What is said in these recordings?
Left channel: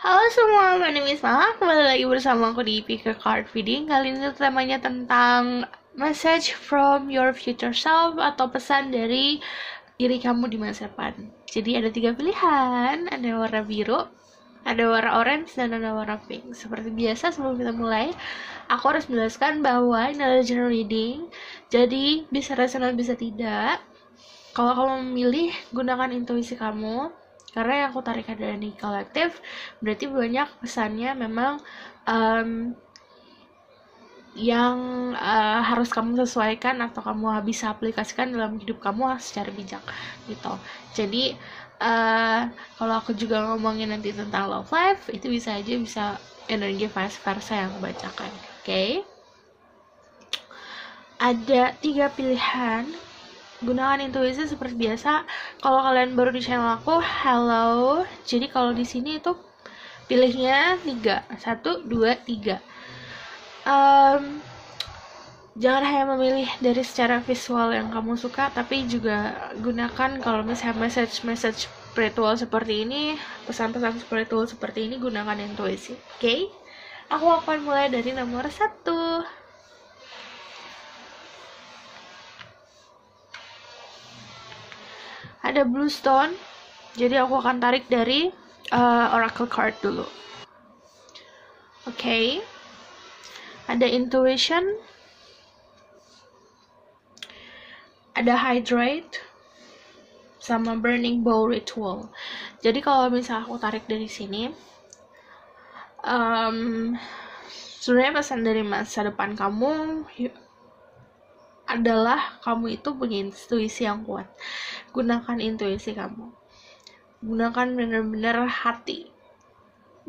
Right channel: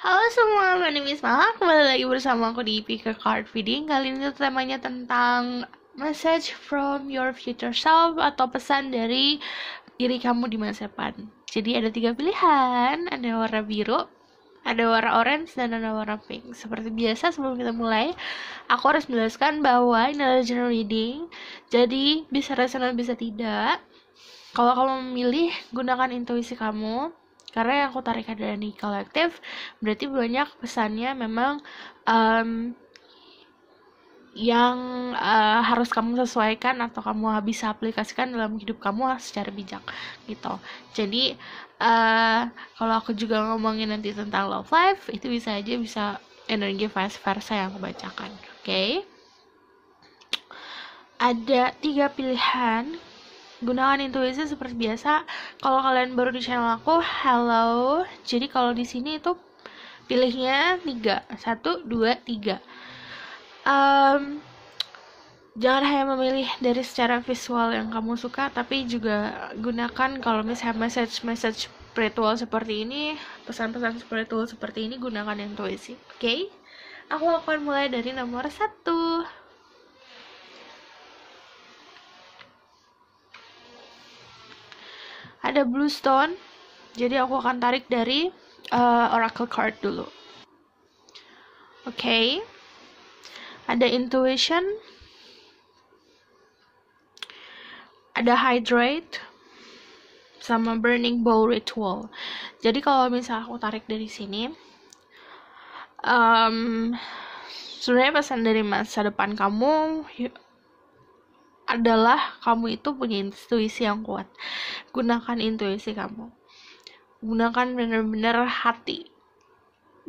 Halo semua, my name is Mala. Kembali lagi bersama aku di Pick a Card Reading. Kali ini temanya tentang message from your future self atau pesan dari diri kamu di masa depan. Jadi ada 3 pilihan, ada warna biru, ada warna orange, dan ada warna pink. Seperti biasa sebelum kita mulai, aku harus menjelaskan bahwa ini adalah general reading. Jadi bisa resonate bisa tidak. Kalau kamu memilih, gunakan intuisi kamu. Karena yang aku tarik dari kolektif, berarti banyak pesannya memang um, yang harus kamu sesuaikan atau kamu bisa aplikasikan dalam hidup kamu secara bijak gitu. Jadi kalau aku juga ngomongin nanti tentang love life, itu bisa aja bisa energi vice versa yang aku bacakan. Oke? Ada 3 pilihan. Gunakan intuisi seperti biasa. Kalau kalian baru di channel aku, hello. Jadi kalau di sini itu pilihnya 3, 1, 2, 3. Jangan hanya memilih dari secara visual yang kamu suka, tapi juga gunakan kalau misalnya message spiritual seperti ini, pesan-pesan spiritual seperti ini, gunakan intuisi. Oke? Aku akan mulai dari nomor 1. Ada blue stone. Jadi aku akan tarik dari oracle card dulu. Oke. Ada intuition. Ada hydrate sama burning bowl ritual. Jadi kalau misalnya aku tarik dari sini, sebenarnya pesan dari masa depan kamu adalah kamu itu punya intuisi yang kuat. Gunakan intuisi kamu. Gunakan benar-benar hati.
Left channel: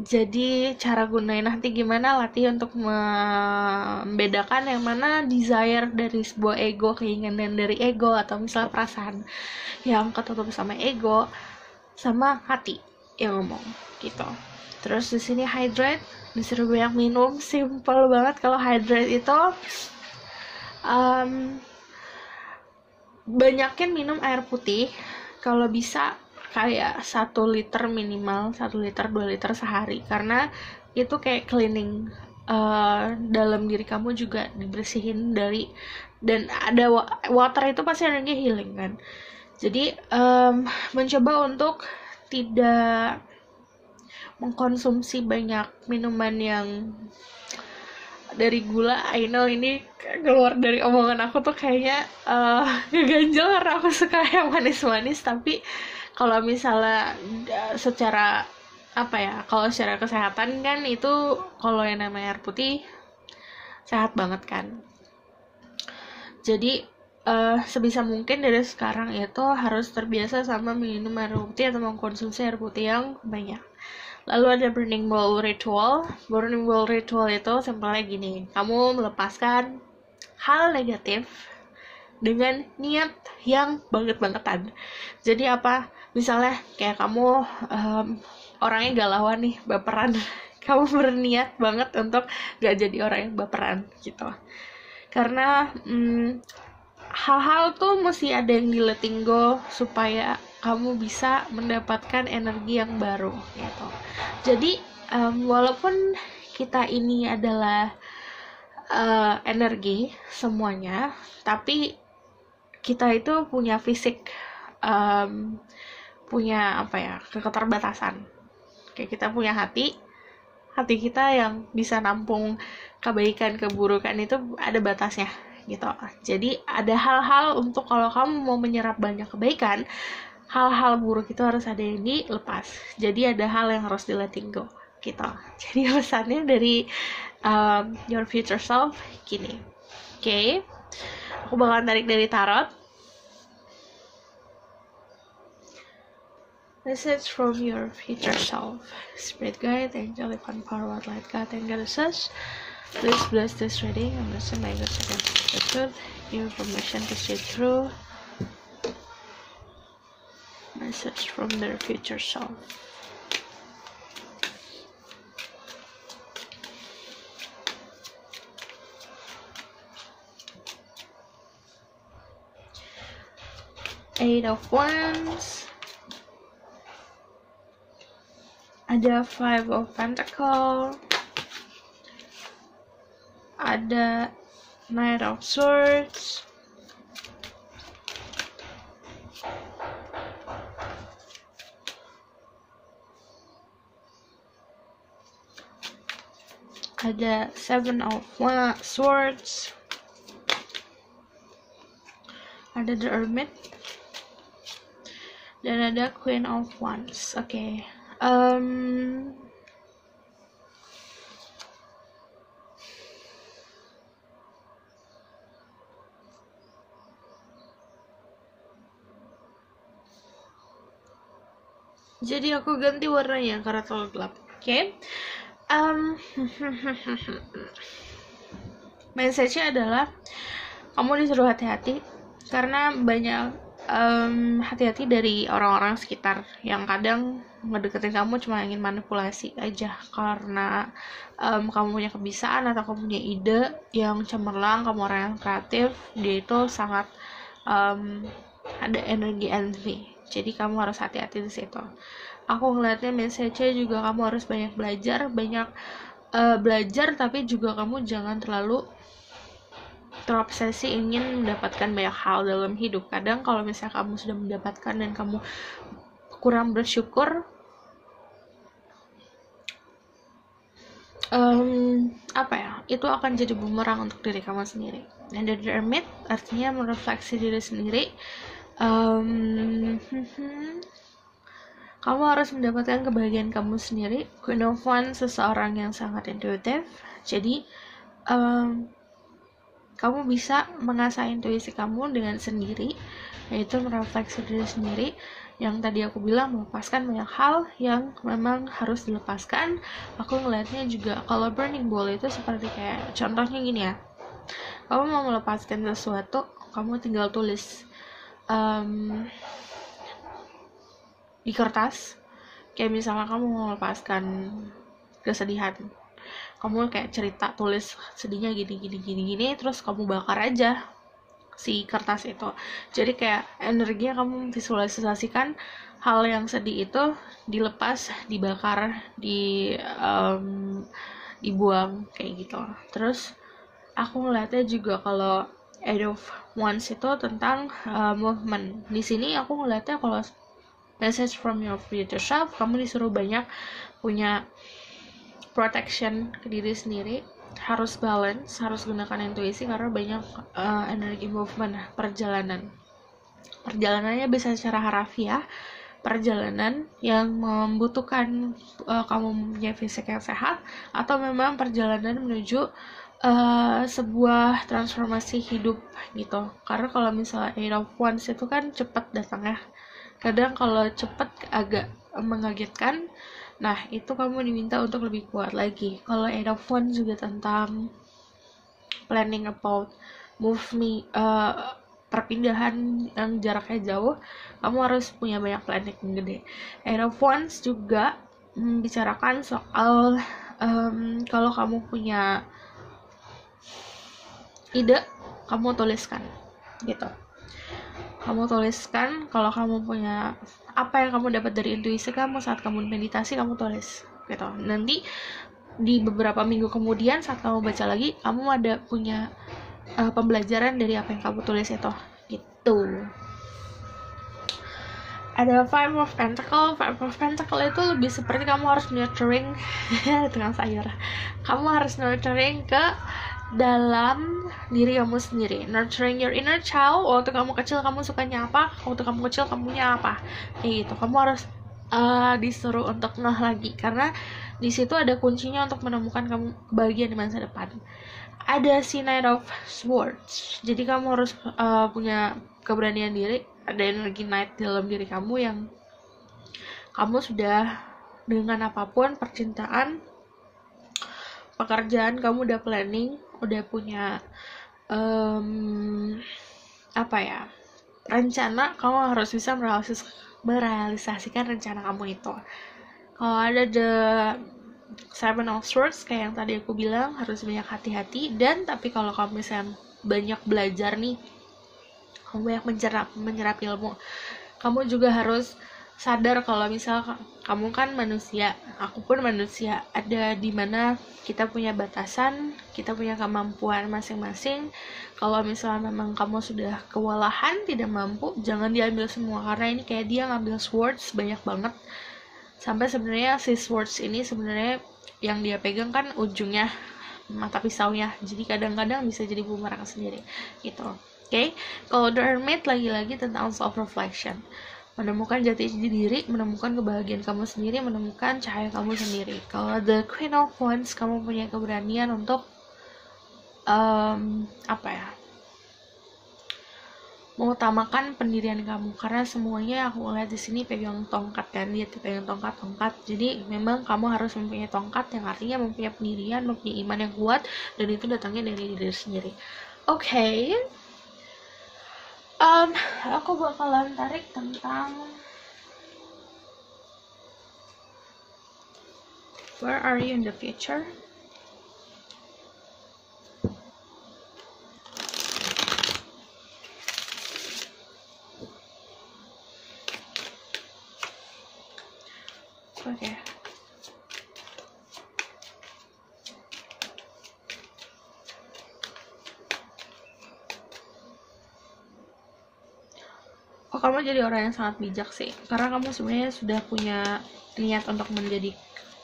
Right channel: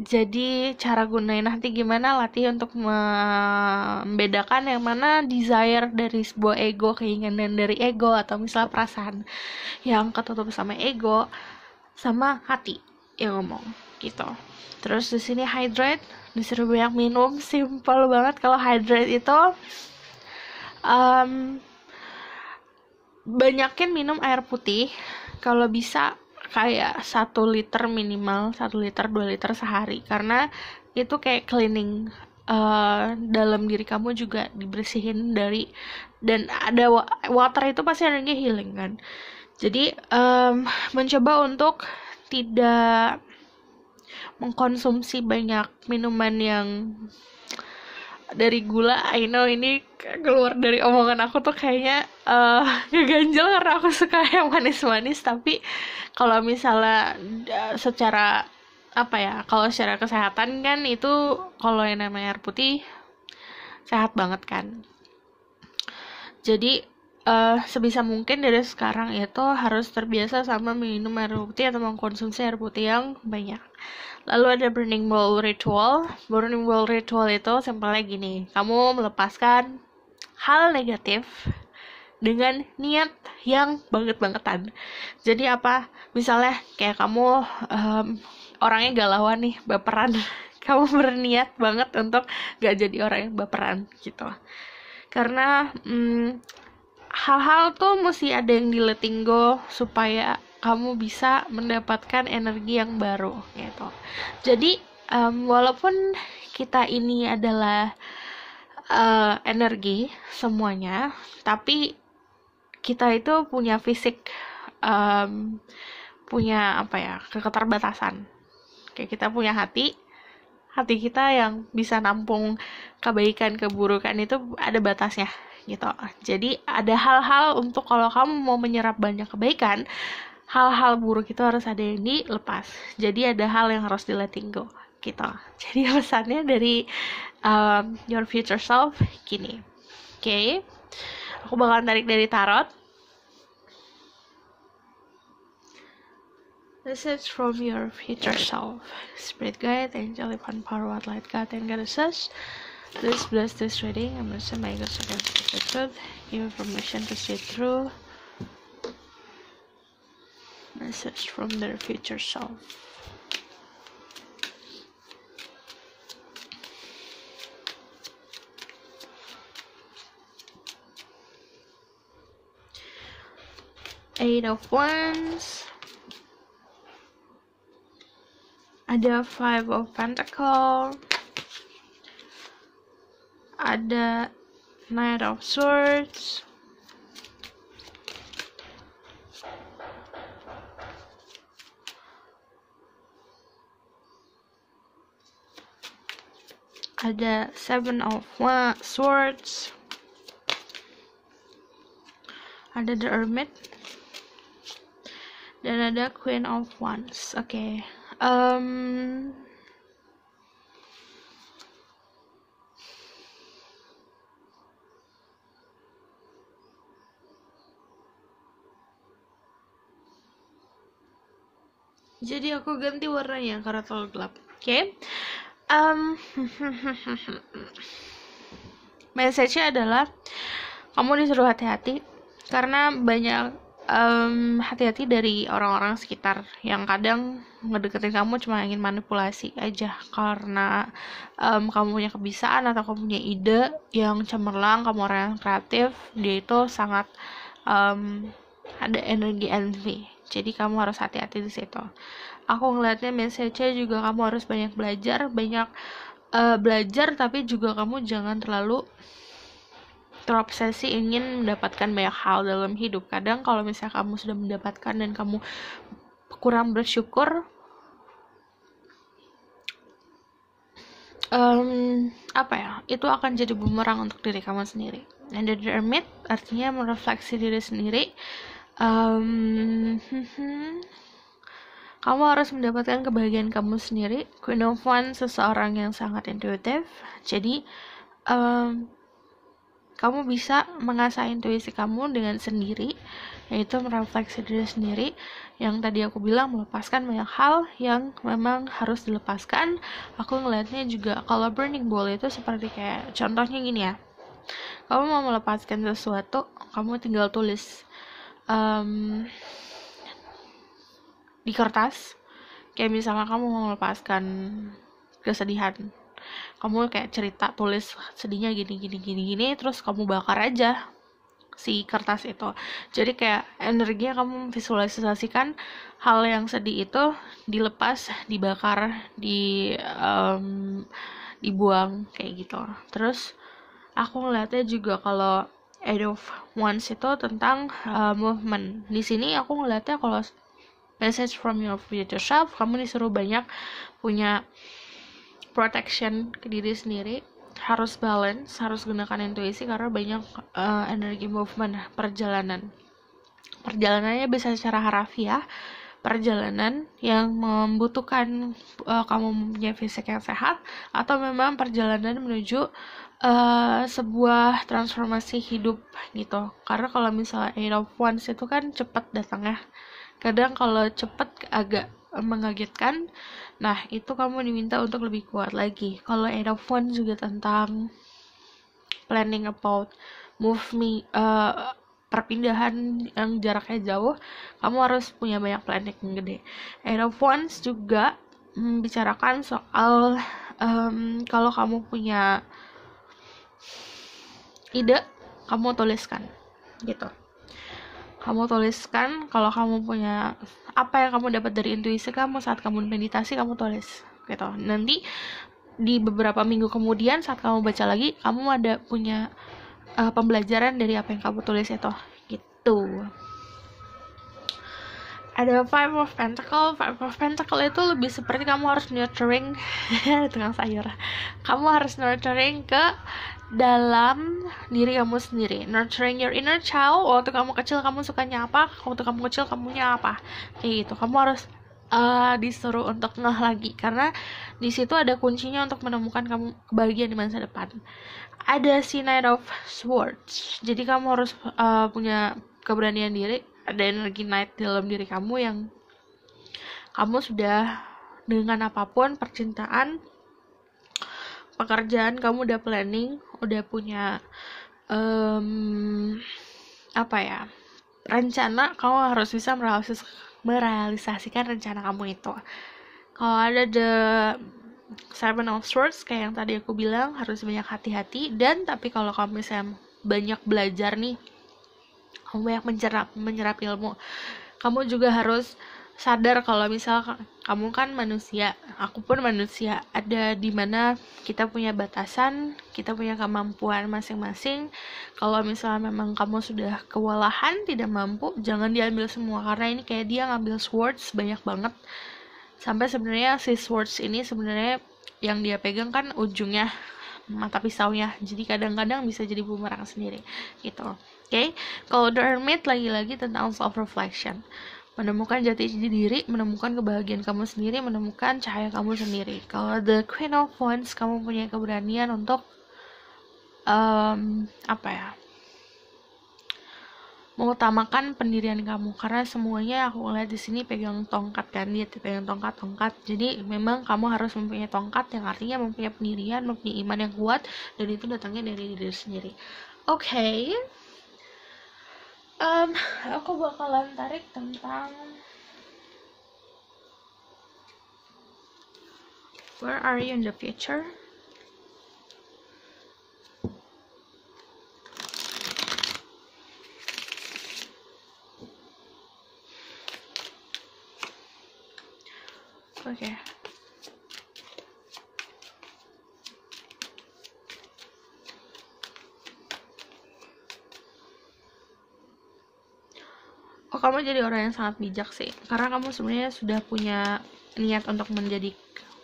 Jadi cara gunain hati gimana, latih untuk membedakan yang mana desire dari sebuah ego, keinginan dari ego, atau misalnya perasaan yang ketutup sama ego, sama hati yang ngomong gitu. Terus di sini hydrate, disuruh banyak minum. Simple banget. Kalau hydrate itu banyakin minum air putih. Kalau bisa kayak 1 liter minimal, 1 liter 2 liter sehari, karena itu kayak cleaning dalam diri kamu juga dibersihin dari, dan ada water itu pasti energi healing kan. Jadi mencoba untuk tidak mengkonsumsi banyak minuman yang dari gula. I know ini keluar dari omongan aku tuh kayaknya ngeganjel karena aku suka yang manis-manis, tapi kalau misalnya secara apa ya, kalau secara kesehatan kan itu, kalau yang namanya air putih sehat banget kan. Jadi sebisa mungkin dari sekarang itu harus terbiasa sama minum air putih atau mengkonsumsi air putih yang banyak. Lalu ada burning bowl ritual. Burning bowl ritual itu simpelnya gini, kamu melepaskan hal negatif dengan niat yang banget-bangetan. Jadi apa? Misalnya kayak kamu orangnya galauan nih, baperan. Kamu berniat banget untuk gak jadi orang yang baperan gitu. Karena hal-hal tuh mesti ada yang di letting go supaya kamu bisa mendapatkan energi yang baru gitu. Jadi walaupun kita ini adalah energi semuanya, tapi kita itu punya fisik, punya apa ya, keterbatasan. Kayak kita punya hati kita yang bisa nampung kebaikan keburukan itu ada batasnya gitu. Jadi ada hal-hal untuk kalau kamu mau menyerap banyak kebaikan, hal-hal buruk itu harus ada yang dilepas. Jadi ada hal yang harus di letting go gitu. Jadi pesannya dari your future self gini. Oke. Aku bakalan tarik dari tarot. Message from your future self. Spirit guide, angel, divine power, what light, God, and goddesses. Please bless this reading and listen my good second the truth. Give information to see through. Message from their future self. Eight of Wands. ada Five of Pentacles, ada Knight of Swords, ada Seven of Swords, ada The Hermit, dan ada Queen of Wands. Oke. Jadi aku ganti warnanya karena terlalu gelap. Oke. Message-nya adalah kamu disuruh hati-hati karena banyak hati-hati dari orang-orang sekitar yang kadang ngedeketin kamu cuma ingin manipulasi aja karena kamu punya kebiasaan atau kamu punya ide yang cemerlang, kamu orang yang kreatif, dia itu sangat ada energi envy. Jadi kamu harus hati-hati di situ. Aku ngeliatnya message-nya juga kamu harus banyak belajar, belajar, tapi juga kamu jangan terlalu terobsesi ingin mendapatkan banyak hal dalam hidup. Kadang kalau misalnya kamu sudah mendapatkan dan kamu kurang bersyukur, itu akan jadi bumerang untuk diri kamu sendiri. And the Hermit artinya merefleksi diri sendiri. Kamu harus mendapatkan kebahagiaan kamu sendiri. Queen of Wands seseorang yang sangat intuitif. Jadi kamu bisa mengasah intuisi kamu dengan sendiri, yaitu merefleksi diri sendiri. Yang tadi aku bilang, melepaskan banyak hal yang memang harus dilepaskan. Aku ngelihatnya juga kalau burning ball itu seperti kayak contohnya gini ya, kamu mau melepaskan sesuatu, kamu tinggal tulis di kertas. Kayak misalnya kamu mau melepaskan kesedihan, kamu kayak cerita, tulis sedihnya gini, terus kamu bakar aja si kertas itu. Jadi kayak energinya kamu visualisasikan hal yang sedih itu dilepas, dibakar, dibuang kayak gitu. Terus aku ngeliatnya juga kalau Eight of Wands itu tentang movement. Di sini aku ngeliatnya kalau message from your future self, kamu disuruh banyak punya protection ke diri sendiri, harus balance, harus gunakan intuisi karena banyak energi movement, perjalanannya bisa secara harafiah, perjalanan yang membutuhkan kamu punya fisik yang sehat, atau memang perjalanan menuju sebuah transformasi hidup gitu. Karena kalau misalnya Eight of Wands itu kan cepat datangnya, kadang kalau cepat agak mengagetkan. Nah, itu kamu diminta untuk lebih kuat lagi. Kalau Eight of Wands juga tentang planning about perpindahan yang jaraknya jauh, kamu harus punya banyak planning yang gede. Eight of Wands juga membicarakan soal kalau kamu punya ide, kamu tuliskan gitu. Kamu tuliskan kalau kamu punya apa yang kamu dapat dari intuisi kamu saat kamu meditasi, kamu tulis gitu. Nanti di beberapa minggu kemudian saat kamu baca lagi, kamu ada punya pembelajaran dari apa yang kamu tulis itu gitu. Ada Five of Pentacles. Five of Pentacles itu lebih seperti kamu harus nurturing dengan sayur. Kamu harus nurturing ke dalam diri kamu sendiri, nurturing your inner child. Waktu kamu kecil kamu sukanya apa, waktu kamu kecil kamunya apa, kayak gitu. Kamu harus disuruh untuk ngeh lagi, karena di situ ada kuncinya untuk menemukan kamu kebahagiaan di masa depan. Ada si Knight of Swords, jadi kamu harus punya keberanian diri. Ada energi Knight dalam diri kamu yang kamu sudah dengan apapun, percintaan, pekerjaan, kamu udah planning, udah punya rencana. Kamu harus bisa merealisasikan rencana kamu itu. Kalau ada the Seven of Swords, kayak yang tadi aku bilang, harus banyak hati-hati. Dan tapi kalau kamu misalnya banyak belajar nih, kamu banyak menyerap ilmu, kamu juga harus sadar kalau misal kamu kan manusia, aku pun manusia, ada dimana kita punya batasan, kita punya kemampuan masing-masing. Kalau misalnya memang kamu sudah kewalahan, tidak mampu, jangan diambil semua, karena ini kayak dia ngambil swords banyak banget, sampai sebenarnya si swords ini sebenarnya yang dia pegang kan ujungnya mata pisaunya, jadi kadang-kadang bisa jadi bumerang sendiri gitu. Oke. Kalau The Hermit lagi-lagi tentang self reflection, menemukan jati diri, menemukan kebahagiaan kamu sendiri, menemukan cahaya kamu sendiri. Kalau The Queen of Wands, kamu punya keberanian untuk mengutamakan pendirian kamu, karena semuanya aku lihat di sini pegang tongkat kan, dia pegang tongkat. Jadi memang kamu harus mempunyai tongkat, yang artinya mempunyai pendirian, mempunyai iman yang kuat, dan itu datangnya dari diri sendiri. Oke. Aku bakalan tarik tentang where are you in the future? Oke. Kamu jadi orang yang sangat bijak sih, karena kamu sebenarnya sudah punya niat untuk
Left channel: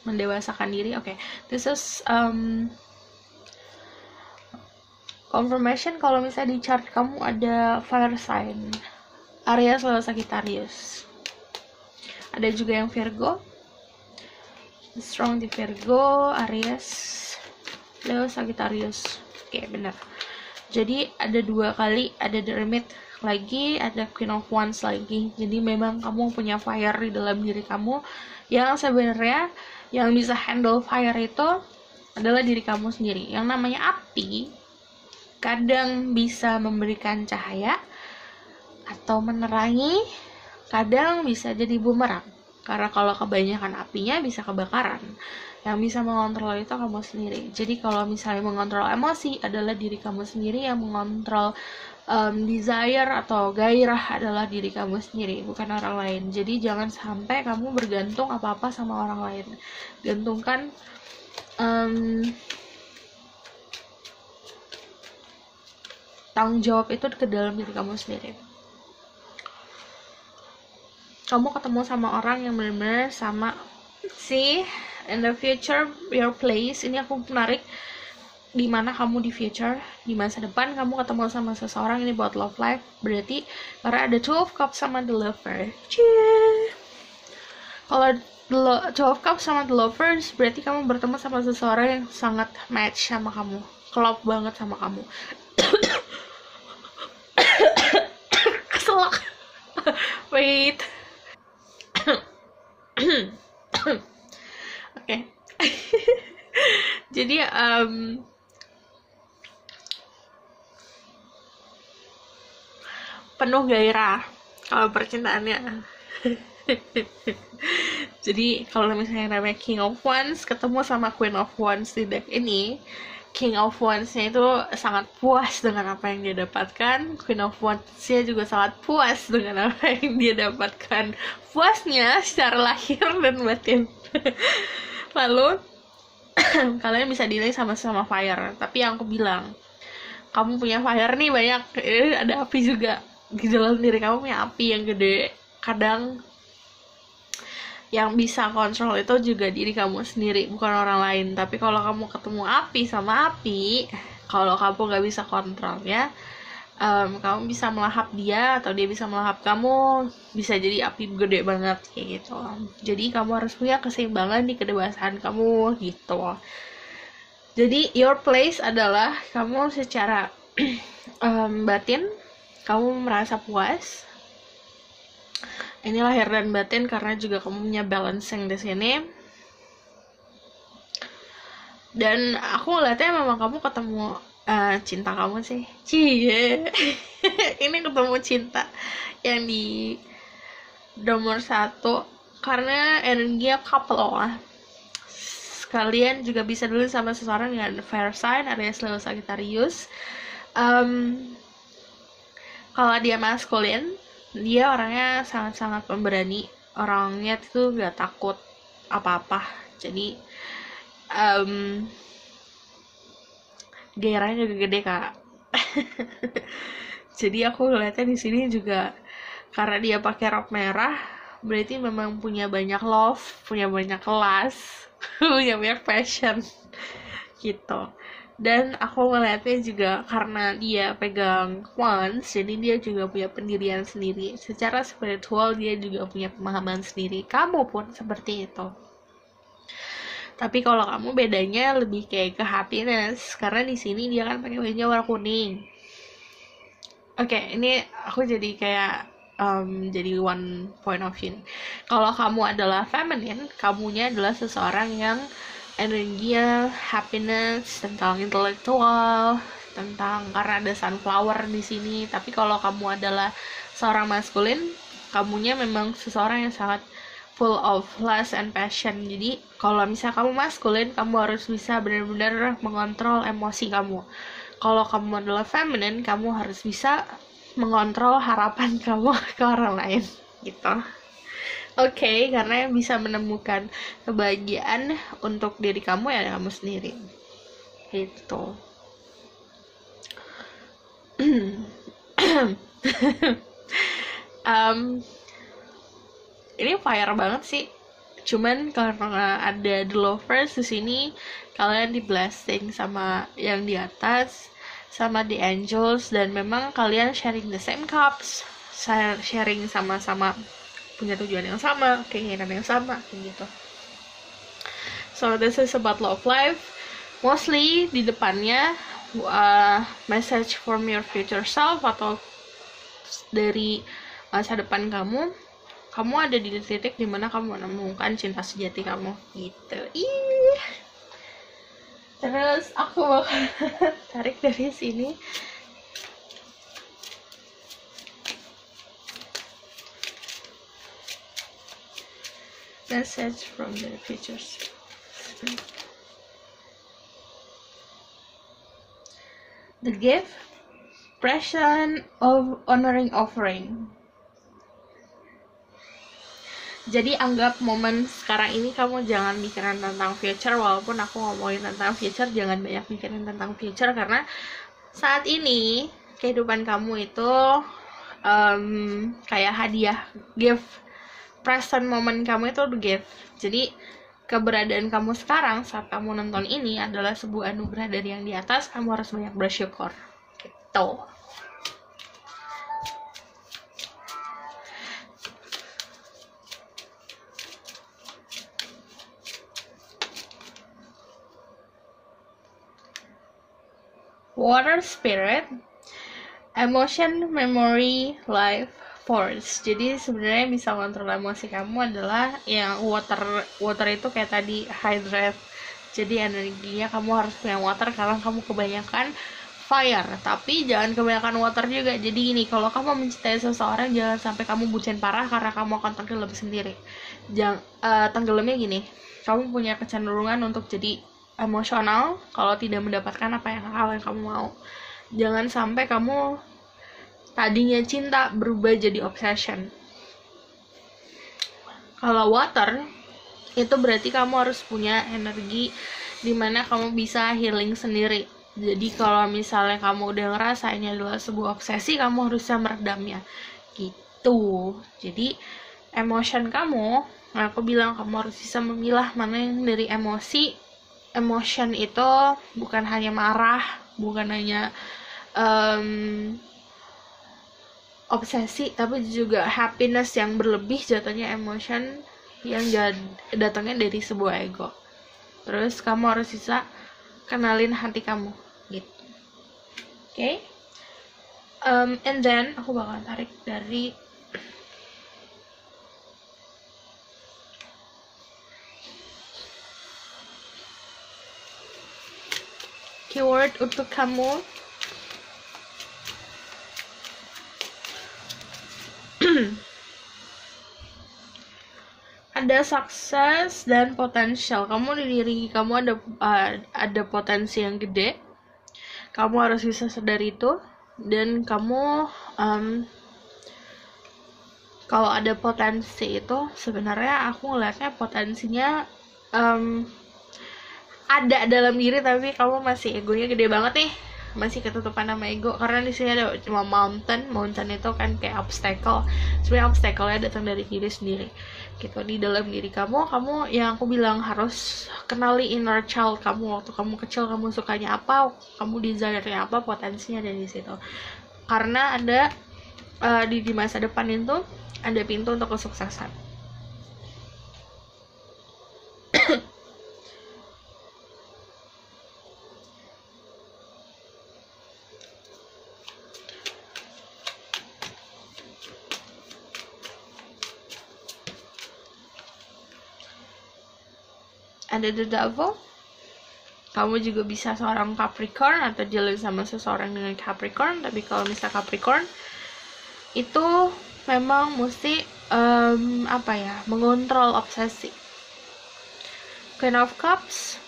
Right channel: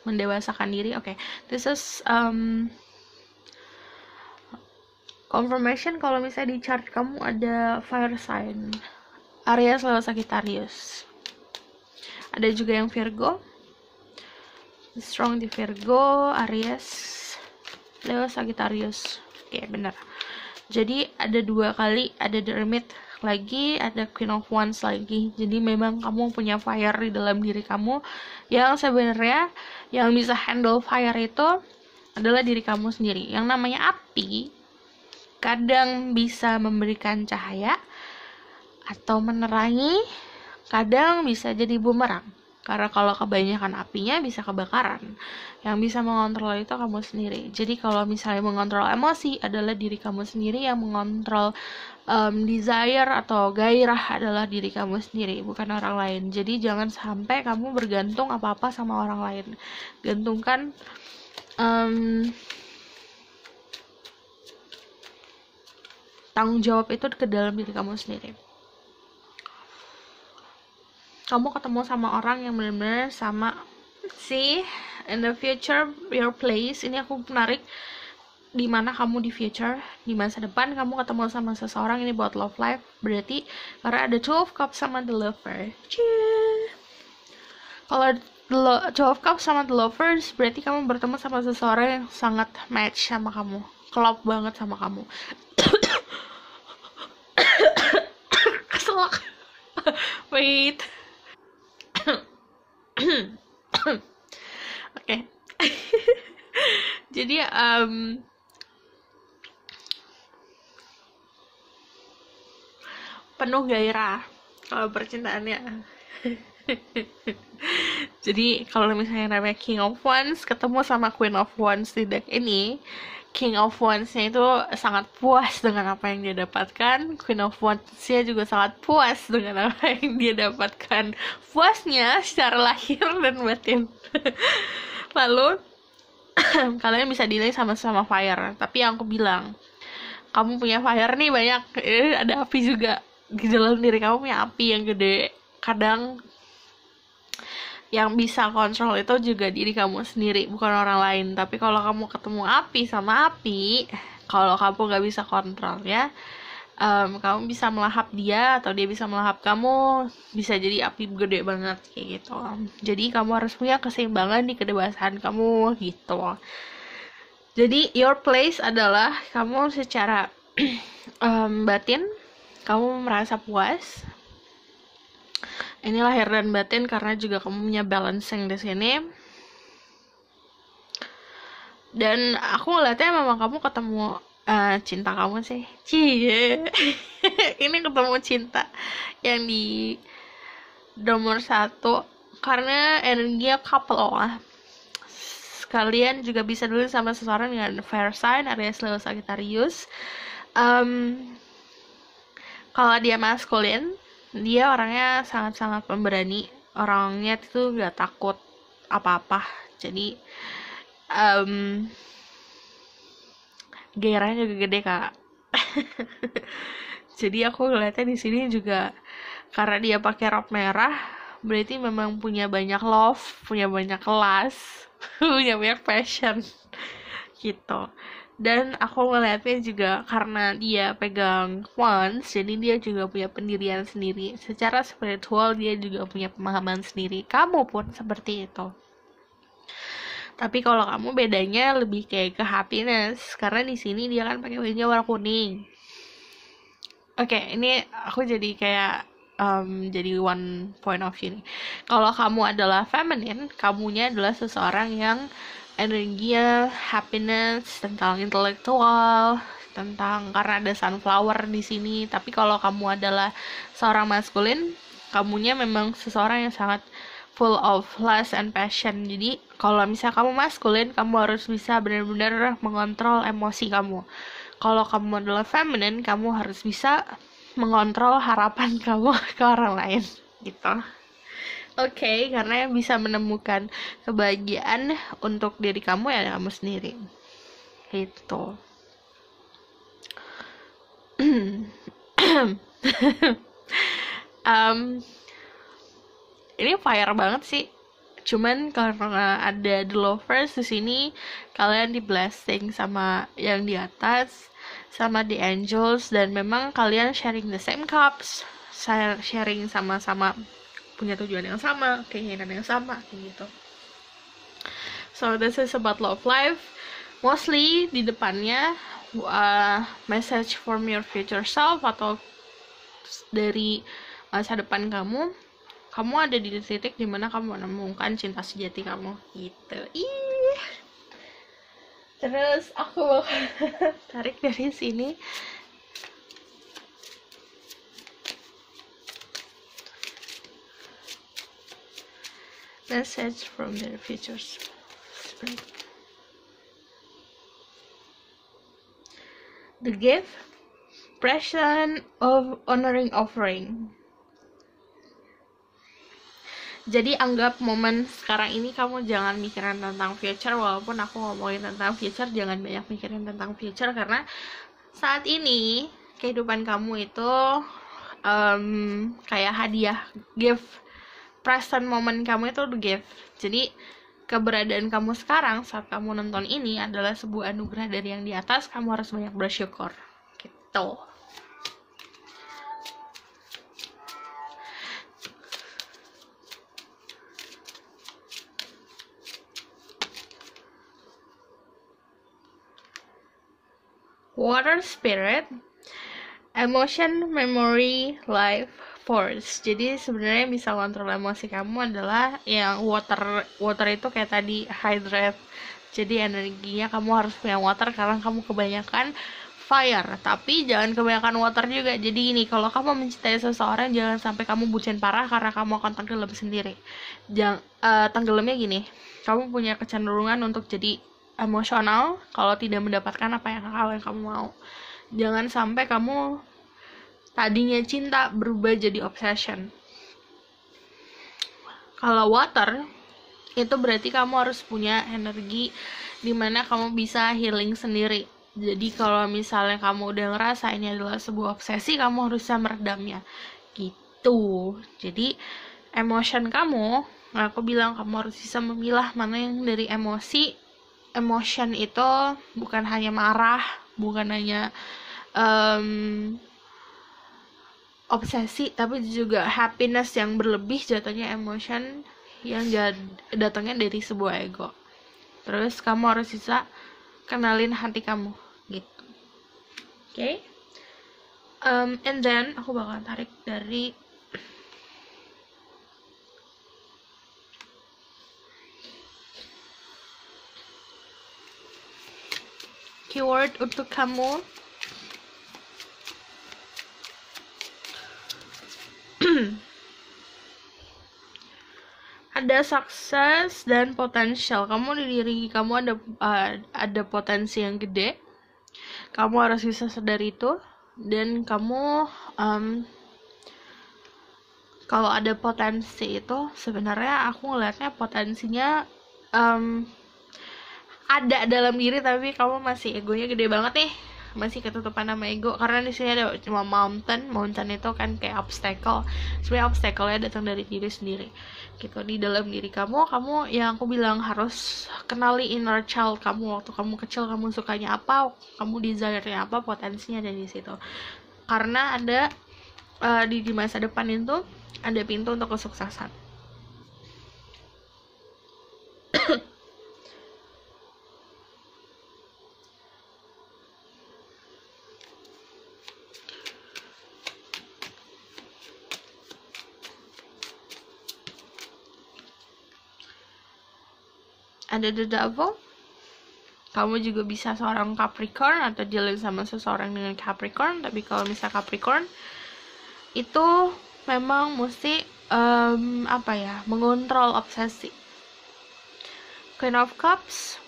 mendewasakan diri. Oke. This is confirmation kalau misalnya di chart kamu ada fire sign, Aries, Leo, Sagittarius. Ada juga yang Virgo, strong di Virgo, Aries, Leo, Sagittarius. Oke, benar. Jadi ada 2 kali, ada The Hermit lagi, ada Queen of Wands lagi. Jadi memang kamu punya fire di dalam diri kamu, yang sebenarnya yang bisa handle fire itu adalah diri kamu sendiri. Yang namanya api kadang bisa memberikan cahaya atau menerangi, kadang bisa jadi bumerang, karena kalau kebanyakan apinya bisa kebakaran. Yang bisa mengontrol itu kamu sendiri. Jadi kalau misalnya mengontrol emosi adalah diri kamu sendiri, yang mengontrol desire atau gairah adalah diri kamu sendiri, bukan orang lain. Jadi jangan sampai kamu bergantung apa-apa sama orang lain. Gantungkan tanggung jawab itu ke dalam diri kamu sendiri. Kamu ketemu sama orang yang benar-benar sama. See, in the future, your place. Ini aku menarik, di mana kamu di future, di masa depan kamu ketemu sama seseorang. Ini buat love life, berarti karena ada 2 of Cups sama the Lover. Kalau the 2 of Cups sama the Lovers, berarti kamu bertemu sama seseorang yang sangat match sama kamu, klop banget sama kamu. Keselak. Wait. Oke. Jadi penuh gairah kalau percintaannya. Jadi kalau misalnya namanya King of Wands ketemu sama Queen of Wands di deck ini, King of Wands-nya itu sangat puas dengan apa yang dia dapatkan, Queen of Wands-nya juga sangat puas dengan apa yang dia dapatkan. Puasnya secara lahir dan batin. Lalu kalian bisa delay sama-sama fire, tapi yang aku bilang, kamu punya fire nih banyak, ada api juga di dalam diri kamu, punya api yang gede. Kadang yang bisa kontrol itu juga diri kamu sendiri, bukan orang lain. Tapi kalau kamu ketemu api sama api, kalau kamu gak bisa kontrol ya, kamu bisa melahap dia atau dia bisa melahap kamu, bisa jadi api gede banget kayak gitu. Jadi kamu harus punya keseimbangan di kedewasaan kamu gitu. Jadi your place adalah kamu secara batin kamu merasa puas. Ini lahir dan batin, karena juga kamu punya balancing di sini. Dan aku ngeliatnya memang kamu ketemu cinta kamu sih. Cie. Ini ketemu cinta yang di nomor 1, karena energinya couple lah. Kalian juga bisa dulu sama seseorang dengan fire sign, Aries, Leo, Sagittarius. Kalau dia maskulin, dia orangnya sangat-sangat pemberani, orangnya tuh gak takut apa-apa. Jadi gairahnya juga gede kak. Jadi aku ngeliatnya di sini juga karena dia pakai rok merah, berarti memang punya banyak love, punya banyak kelas, punya banyak passion gitu. Dan aku ngeliatnya juga karena dia pegang wands, jadi dia juga punya pendirian sendiri. Secara spiritual dia juga punya pemahaman sendiri. Kamu pun seperti itu. Tapi kalau kamu bedanya lebih kayak ke happiness, karena di sini dia kan pakai bajunya warna kuning. Oke, ini aku jadi kayak jadi one point of view nih. Kalau kamu adalah feminine, kamunya adalah seseorang yang energinya happiness, tentang intelektual, tentang karena ada sunflower di sini. Tapi kalau kamu adalah seorang maskulin, kamunya memang seseorang yang sangat full of lust and passion. Jadi kalau misalnya kamu maskulin, kamu harus bisa benar-benar mengontrol emosi kamu. Kalau kamu adalah feminine, kamu harus bisa mengontrol harapan kamu ke orang lain gitu. Oke, karena bisa menemukan kebahagiaan untuk diri kamu ya kamu sendiri gitu. Ini fire banget sih. Cuman karena ada the lovers di sini, kalian di blessing sama yang di atas, sama the angels, dan memang kalian sharing the same cups, sharing sama-sama punya tujuan yang sama, keinginan yang sama, kayak gitu. So this is about love life. Mostly di depannya message from your future self atau dari masa depan kamu ada di titik dimana kamu menemukan cinta sejati kamu gitu. Ih. Terus aku bakal tarik dari sini. Message from the future self. The gift, present of honoring offering. Jadi anggap momen sekarang ini kamu jangan mikirin tentang future, walaupun aku ngomongin tentang future, jangan banyak mikirin tentang future karena saat ini kehidupan kamu itu kayak hadiah, gift. Present moment kamu itu the gift. Jadi keberadaan kamu sekarang saat kamu nonton ini adalah sebuah anugerah dari yang di atas. Kamu harus banyak bersyukur gitu. Water spirit, emotion, memory, life, force. Jadi sebenarnya bisa kontrol emosi kamu adalah yang water itu kayak tadi hydrate. Jadi energinya kamu harus punya water karena kamu kebanyakan fire. Tapi jangan kebanyakan water juga. Jadi ini kalau kamu mencintai seseorang jangan sampai kamu bucin parah karena kamu akan tenggelam sendiri. Tenggelamnya gini. Kamu punya kecenderungan untuk jadi emosional kalau tidak mendapatkan apa yang kamu mau. Jangan sampai kamu tadinya cinta berubah jadi obsession. Kalau water itu berarti kamu harus punya energi dimana kamu bisa healing sendiri. Jadi kalau misalnya kamu udah ngerasa ini adalah sebuah obsesi, kamu harus bisa meredamnya gitu. Jadi emotion kamu, aku bilang kamu harus bisa memilah mana yang dari emosi. Emotion itu bukan hanya marah, bukan hanya obsesi, tapi juga happiness yang berlebih jatuhnya emotion yang datangnya dari sebuah ego. Terus kamu harus bisa kenalin hati kamu gitu. Okay? And then aku bakal tarik dari keyword untuk kamu. Ada sukses dan potensial. Kamu di diri kamu ada potensi yang gede. Kamu harus bisa sadar itu, dan kamu Kalau ada potensi itu sebenarnya aku ngeliatnya potensinya em, ada dalam diri, tapi kamu masih egonya gede banget nih, masih ketutupan sama ego. Karena di sini ada cuma mountain itu kan kayak obstacle. Sebenarnya obstacle-nya datang dari diri sendiri gitu. Di dalam diri kamu yang aku bilang harus kenali inner child kamu. Waktu kamu kecil kamu sukanya apa, kamu desire-nya apa, potensinya ada di situ. Karena ada di masa depan itu ada pintu untuk kesuksesan. Ada the devil. Kamu juga bisa seorang Capricorn atau dealing sama seseorang dengan Capricorn. Tapi kalau misal Capricorn itu memang mesti mengontrol obsesi. Queen of Cups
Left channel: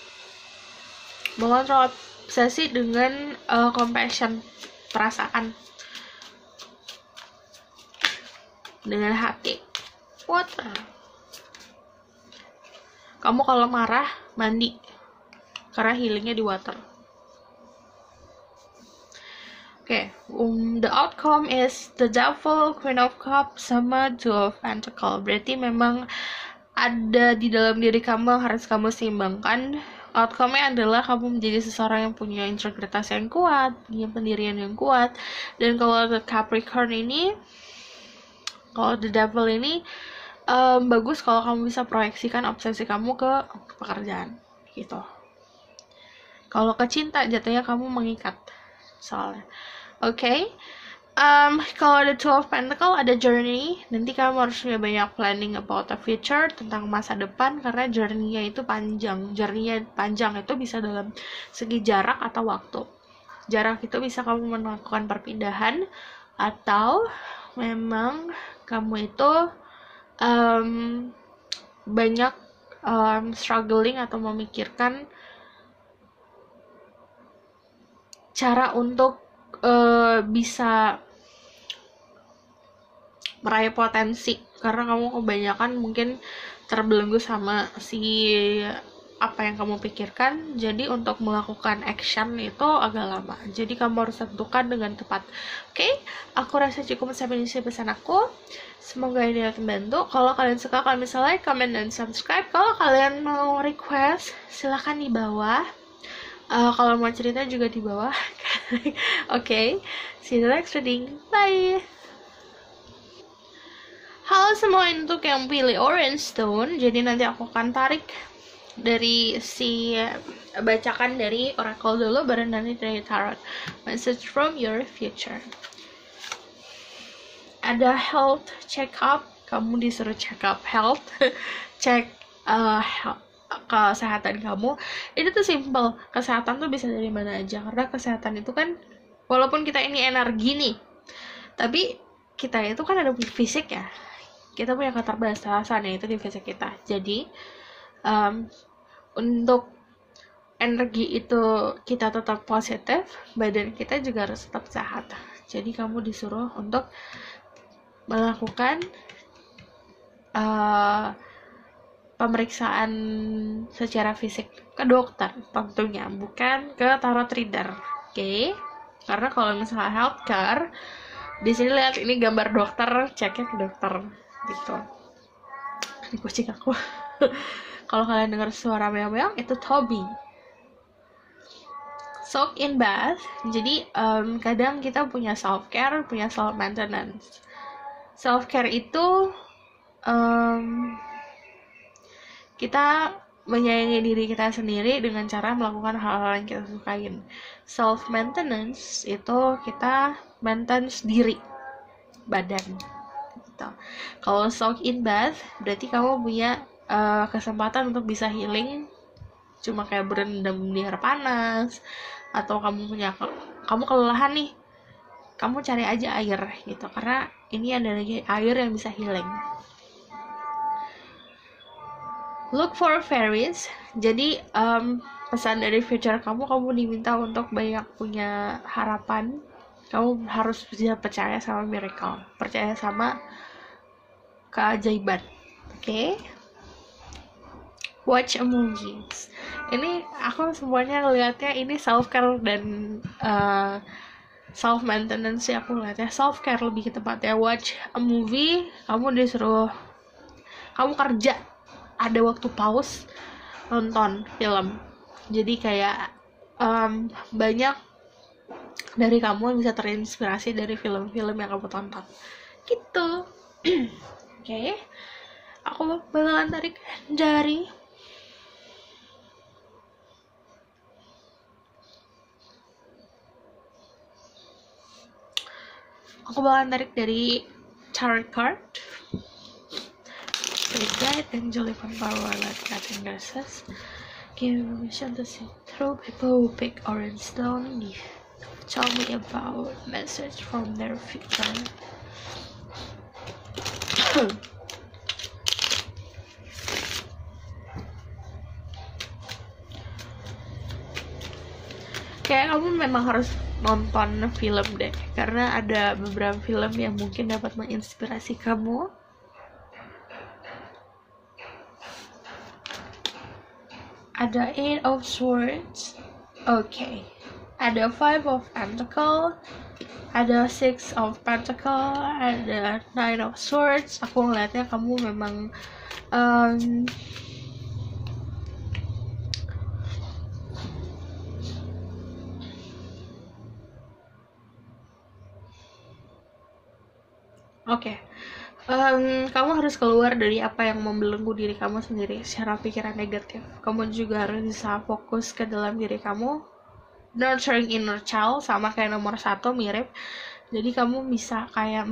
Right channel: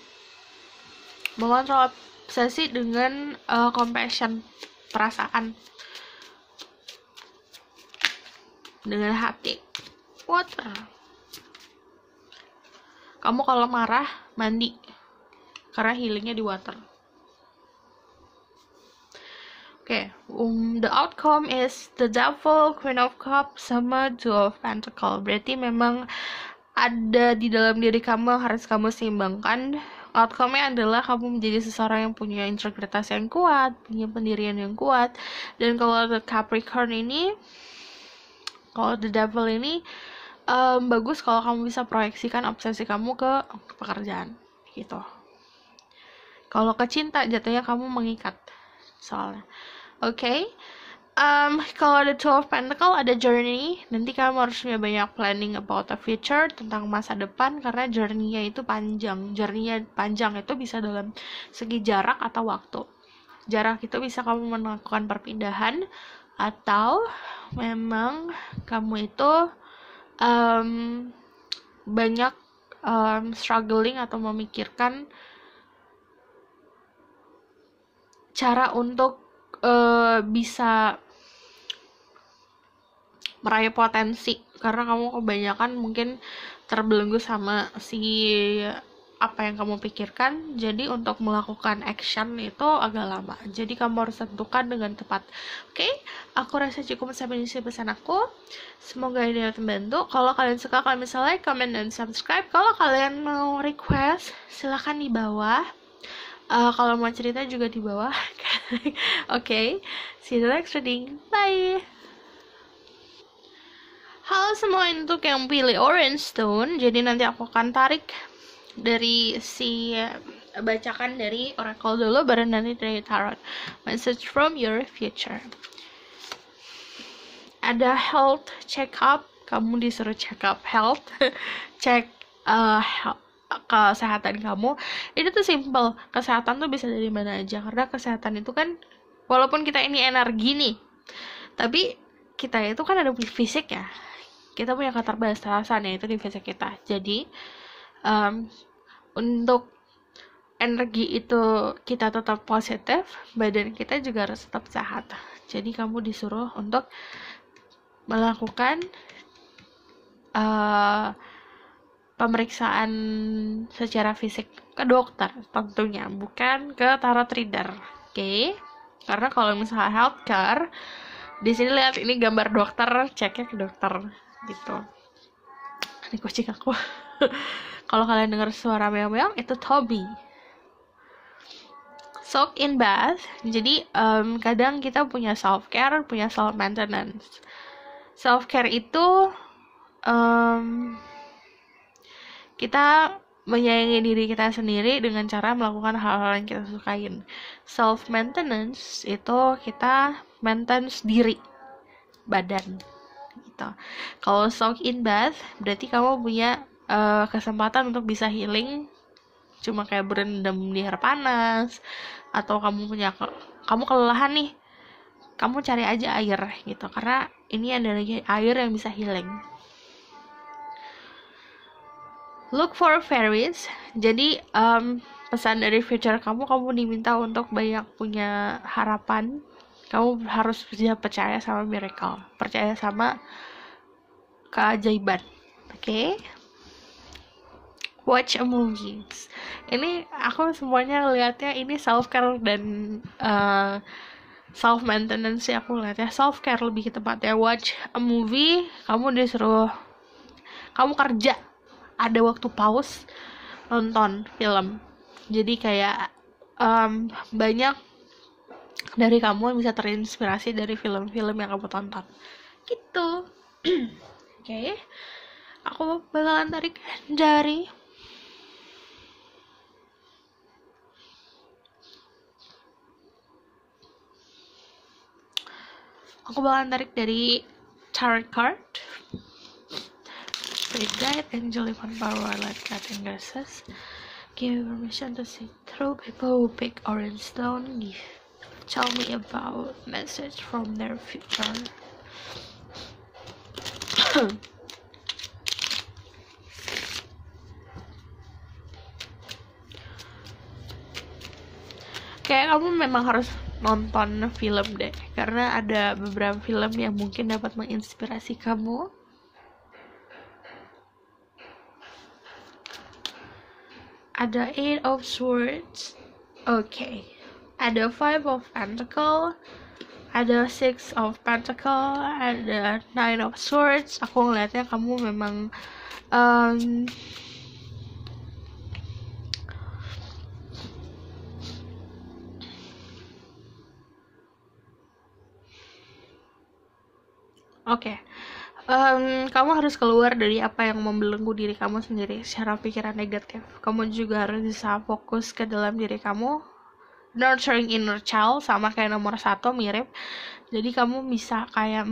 mengontrol obsesi dengan compassion, perasaan, dengan hati. Water. Kamu kalau marah mandi, karena healingnya di water. Oke, the outcome is the devil, Queen of Cups, sama Two of Pentacles. Berarti memang ada di dalam diri kamu, harus kamu seimbangkan. Outcome-nya adalah kamu menjadi seseorang yang punya integritas yang kuat, punya pendirian yang kuat. Dan kalau the Capricorn ini, kalau the devil ini, bagus kalau kamu bisa proyeksikan obsesi kamu ke pekerjaan gitu. Kalau ke cinta jatuhnya kamu mengikat soalnya. Oke. Kalau ada Two of Pentacles ada journey. Nanti kamu harus punya banyak planning about the future, tentang masa depan, karena journey-nya itu panjang. Journey-nya panjang itu bisa dalam segi jarak atau waktu. Jarak itu bisa kamu melakukan perpindahan, atau memang kamu itu banyak struggling atau memikirkan cara untuk bisa meraih potensi, karena kamu kebanyakan mungkin terbelenggu sama si apa yang kamu pikirkan. Jadi untuk melakukan action itu agak lama, jadi kamu harus tentukan dengan tepat. Oke, aku rasa cukup sampai di sini pesan aku. Semoga ini dapat membantu. Kalau kalian suka, kalian bisa like, comment, dan subscribe. Kalau kalian mau request, silahkan di bawah. Kalau mau cerita juga di bawah. Oke, see you next reading. Bye. Halo semua, untuk yang pilih Orange Stone, jadi nanti aku akan tarik dari bacakan dari Oracle dulu, baru nanti dari Tarot. Message from your future. Ada health check up, kamu disuruh check up health, cek kesehatan kamu. Ini tuh simple, kesehatan tuh bisa dari mana aja, karena kesehatan itu kan, walaupun kita ini energi nih, tapi kita itu kan ada fisik ya, kita punya keterbatasan yaitu di fisik kita. Jadi untuk energi itu kita tetap positif, badan kita juga harus tetap sehat. Jadi kamu disuruh untuk melakukan pemeriksaan secara fisik ke dokter tentunya, bukan ke tarot reader. Oke? Karena kalau misalnya healthcare, di sini lihat ini gambar dokter, ceknya ke dokter gitu. Ini kucing aku. Kalau kalian dengar suara meow-meow, itu Toby. Soak in bath. Jadi kadang kita punya self care, punya self maintenance. Self care itu kita menyayangi diri kita sendiri dengan cara melakukan hal-hal yang kita sukain. Self maintenance itu kita maintenance diri, badan gitu. Kalau soak in bath berarti kamu punya kesempatan untuk bisa healing, cuma kayak berendam di air panas, atau kamu kelelahan nih, kamu cari aja air gitu, karena ini ada lagi air yang bisa healing. Look for fairies. Jadi pesan dari future kamu diminta untuk banyak punya harapan. Kamu harus bisa percaya sama miracle, percaya sama keajaiban. Oke? Watch a movies. Ini aku semuanya lihatnya ini self care dan self maintenance sih, aku lihatnya self care lebih tepatnya. Watch a movie, kamu disuruh, kamu kerja, ada waktu pause, nonton film. Jadi kayak banyak dari kamu bisa terinspirasi dari film-film yang kamu tonton gitu. Oke. Aku bakalan tarik dari tarot card. Spirit guide, angel divine power, light guiding glasses. Give permission to see through people who pick orange stone. Tell me about message from their future. Kayak kamu memang harus nonton film deh, karena ada beberapa film yang mungkin dapat menginspirasi kamu. Ada Eight of Swords, oke. Ada Five of Pentacles, ada Six of Pentacles, ada Nine of Swords. Aku ngeliatnya kamu memang kamu harus keluar dari apa yang membelenggu diri kamu sendiri secara pikiran negatif. Kamu juga harus bisa fokus ke dalam diri kamu. Nurturing inner child, sama kayak nomor 1, mirip. Jadi kamu bisa kayak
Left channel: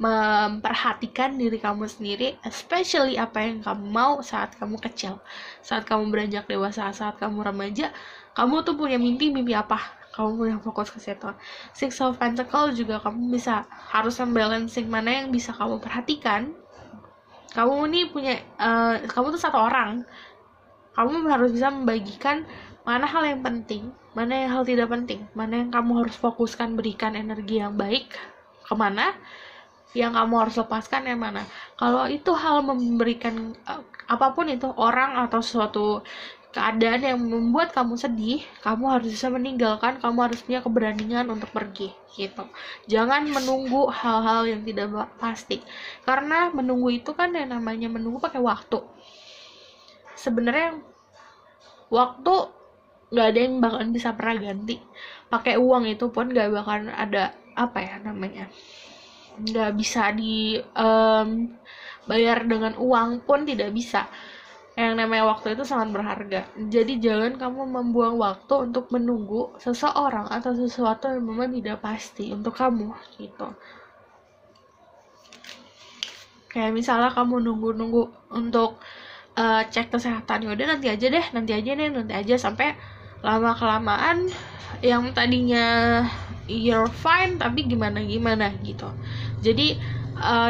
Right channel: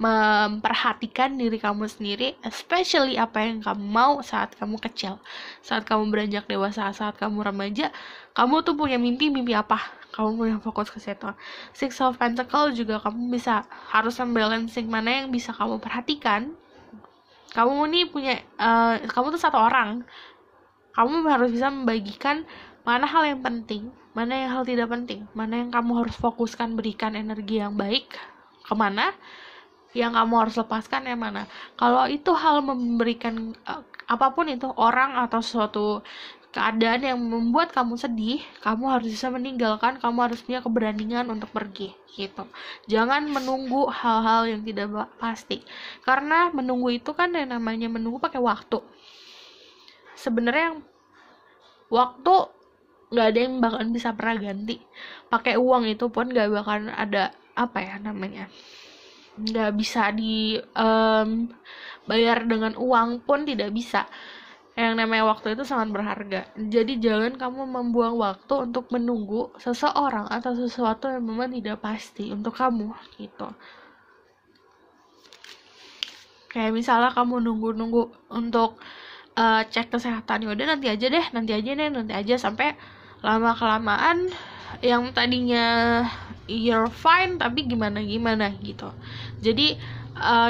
memperhatikan diri kamu sendiri, especially apa yang kamu mau saat kamu kecil, saat kamu beranjak dewasa, saat kamu remaja. Kamu tuh punya mimpi apa? Kamu punya fokus ke situ. Six of Pentacles juga kamu bisa harus balancing mana yang bisa kamu perhatikan. Kamu ini punya kamu tuh satu orang. Kamu harus bisa membagikan mana hal yang penting, mana yang hal tidak penting, mana yang kamu harus fokuskan, berikan energi yang baik kemana, yang kamu harus lepaskan yang mana. Kalau itu hal memberikan apapun itu, orang atau suatu keadaan yang membuat kamu sedih, kamu harus bisa meninggalkan, kamu harus punya keberanian untuk pergi gitu. Jangan menunggu hal-hal yang tidak pasti, karena menunggu itu kan yang namanya menunggu pakai waktu. Sebenarnya waktu nggak ada yang bakalan bisa pernah ganti. Pakai uang itu pun nggak bakalan ada nggak bisa bayar dengan uang pun, tidak bisa. Yang namanya waktu itu sangat berharga. Jadi jangan kamu membuang waktu untuk menunggu seseorang atau sesuatu yang memang tidak pasti untuk kamu gitu. Kayak misalnya kamu nunggu untuk cek kesehatan, udah nanti aja sampai lama kelamaan yang tadinya you're fine tapi gimana gitu. Jadi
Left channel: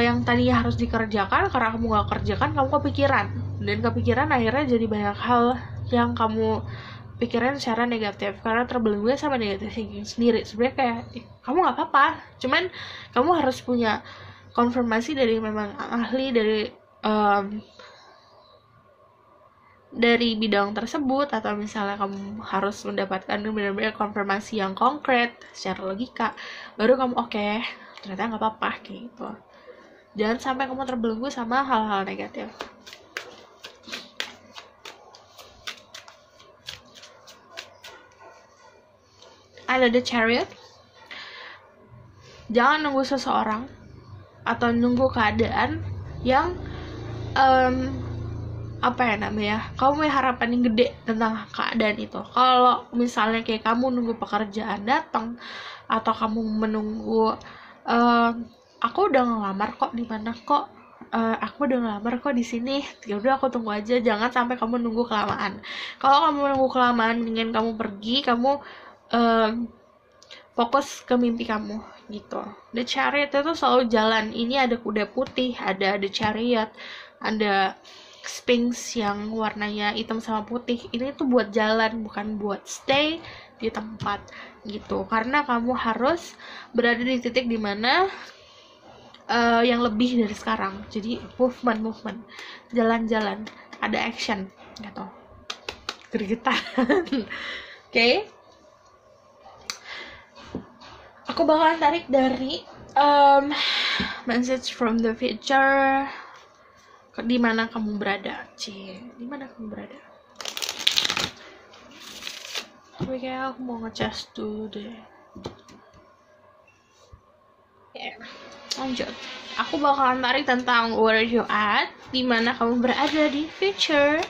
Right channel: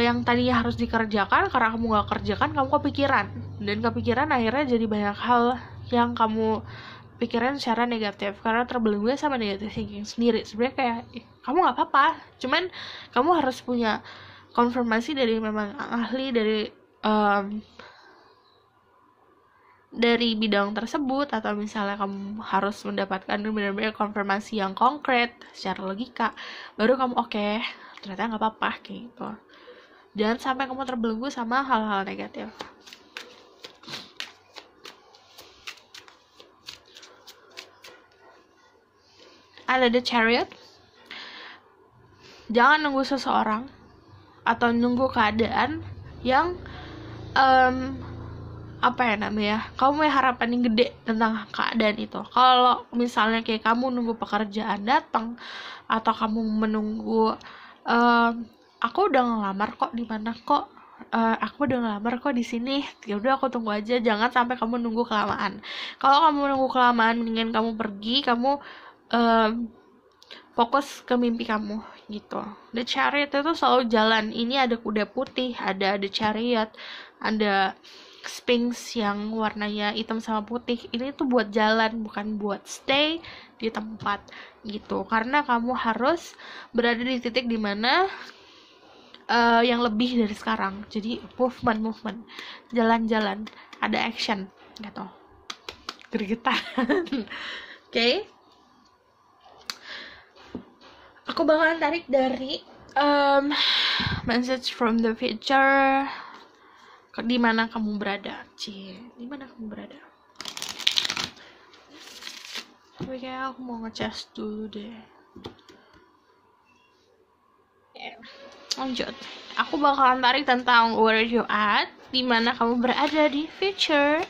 yang tadinya harus dikerjakan, karena kamu gak kerjakan, kamu kepikiran akhirnya jadi banyak hal yang kamu pikiran secara negatif karena terbelenggu sama negatif thinking sendiri. Sebenarnya kayak kamu gak apa-apa, cuman kamu harus punya konfirmasi dari memang ahli dari bidang tersebut, atau misalnya kamu harus mendapatkan benar-benar konfirmasi yang konkret secara logika, baru kamu oke, ternyata nggak apa-apa kayak gitu. Jangan sampai kamu terbelenggu sama hal-hal negatif. Ada The Chariot. Jangan nunggu seseorang atau nunggu keadaan yang kamu punya harapan yang gede tentang keadaan itu. Kalau misalnya kayak kamu nunggu pekerjaan datang, atau kamu menunggu aku udah ngelamar kok di mana kok, aku udah ngelamar kok di sini, ya udah aku tunggu aja. Jangan sampai kamu nunggu kelamaan. Kalau kamu nunggu kelamaan, mendingan kamu pergi, kamu fokus ke mimpi kamu gitu. The Chariot itu selalu jalan. Ini ada kuda putih, ada The Chariot, ada Sphinx yang warnanya hitam sama putih. Ini tuh buat jalan, bukan buat stay di tempat gitu. Karena kamu harus berada di titik dimana yang lebih dari sekarang. Jadi movement, jalan-jalan, ada action gitu, gregetan. Oke. Aku bakalan tarik dari message from the future. Di mana kamu berada, di mana kamu berada. Tapi kayak aku mau ngecas dulu deh. Lanjut. Aku bakalan tarik tentang where you at, di mana kamu berada di future.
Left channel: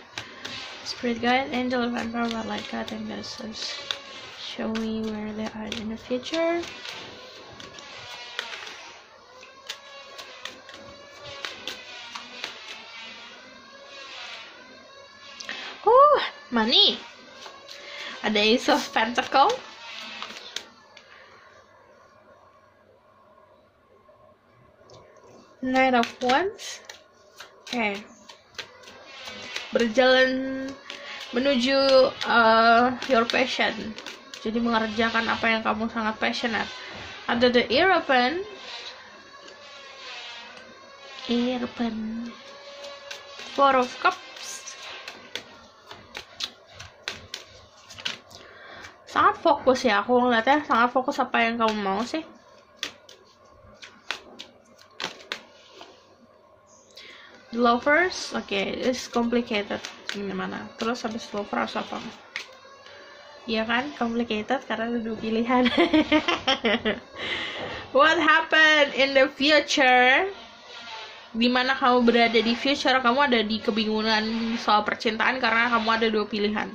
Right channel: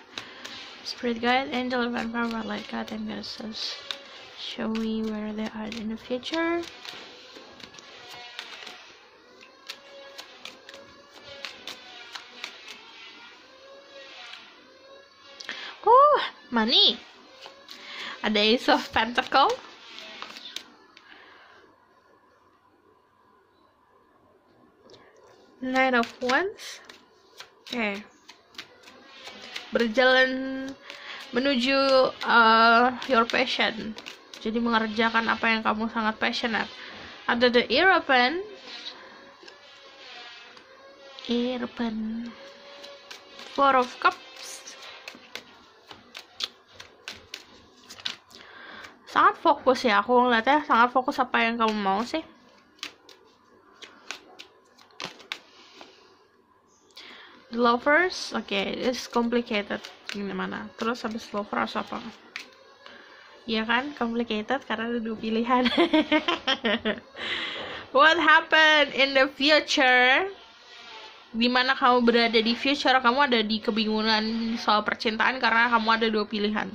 Spirit guide, angel, and power, light guide, and goddesses, show me where they are in the future. Money. Ada Ace of Pentacle. Knight of Wands. Oke. Berjalan menuju your passion. Jadi mengerjakan apa yang kamu sangat passionate. Ada the Hierophant. Four of Cups. Sangat fokus ya, aku ngeliatnya sangat fokus apa yang kamu mau sih. Lovers, oke, it's complicated gimana. Terus habis lovers apa? Iya kan, complicated karena ada 2 pilihan. What happened in the future? Dimana kamu berada di future, kamu ada di kebingungan soal percintaan karena kamu ada 2 pilihan.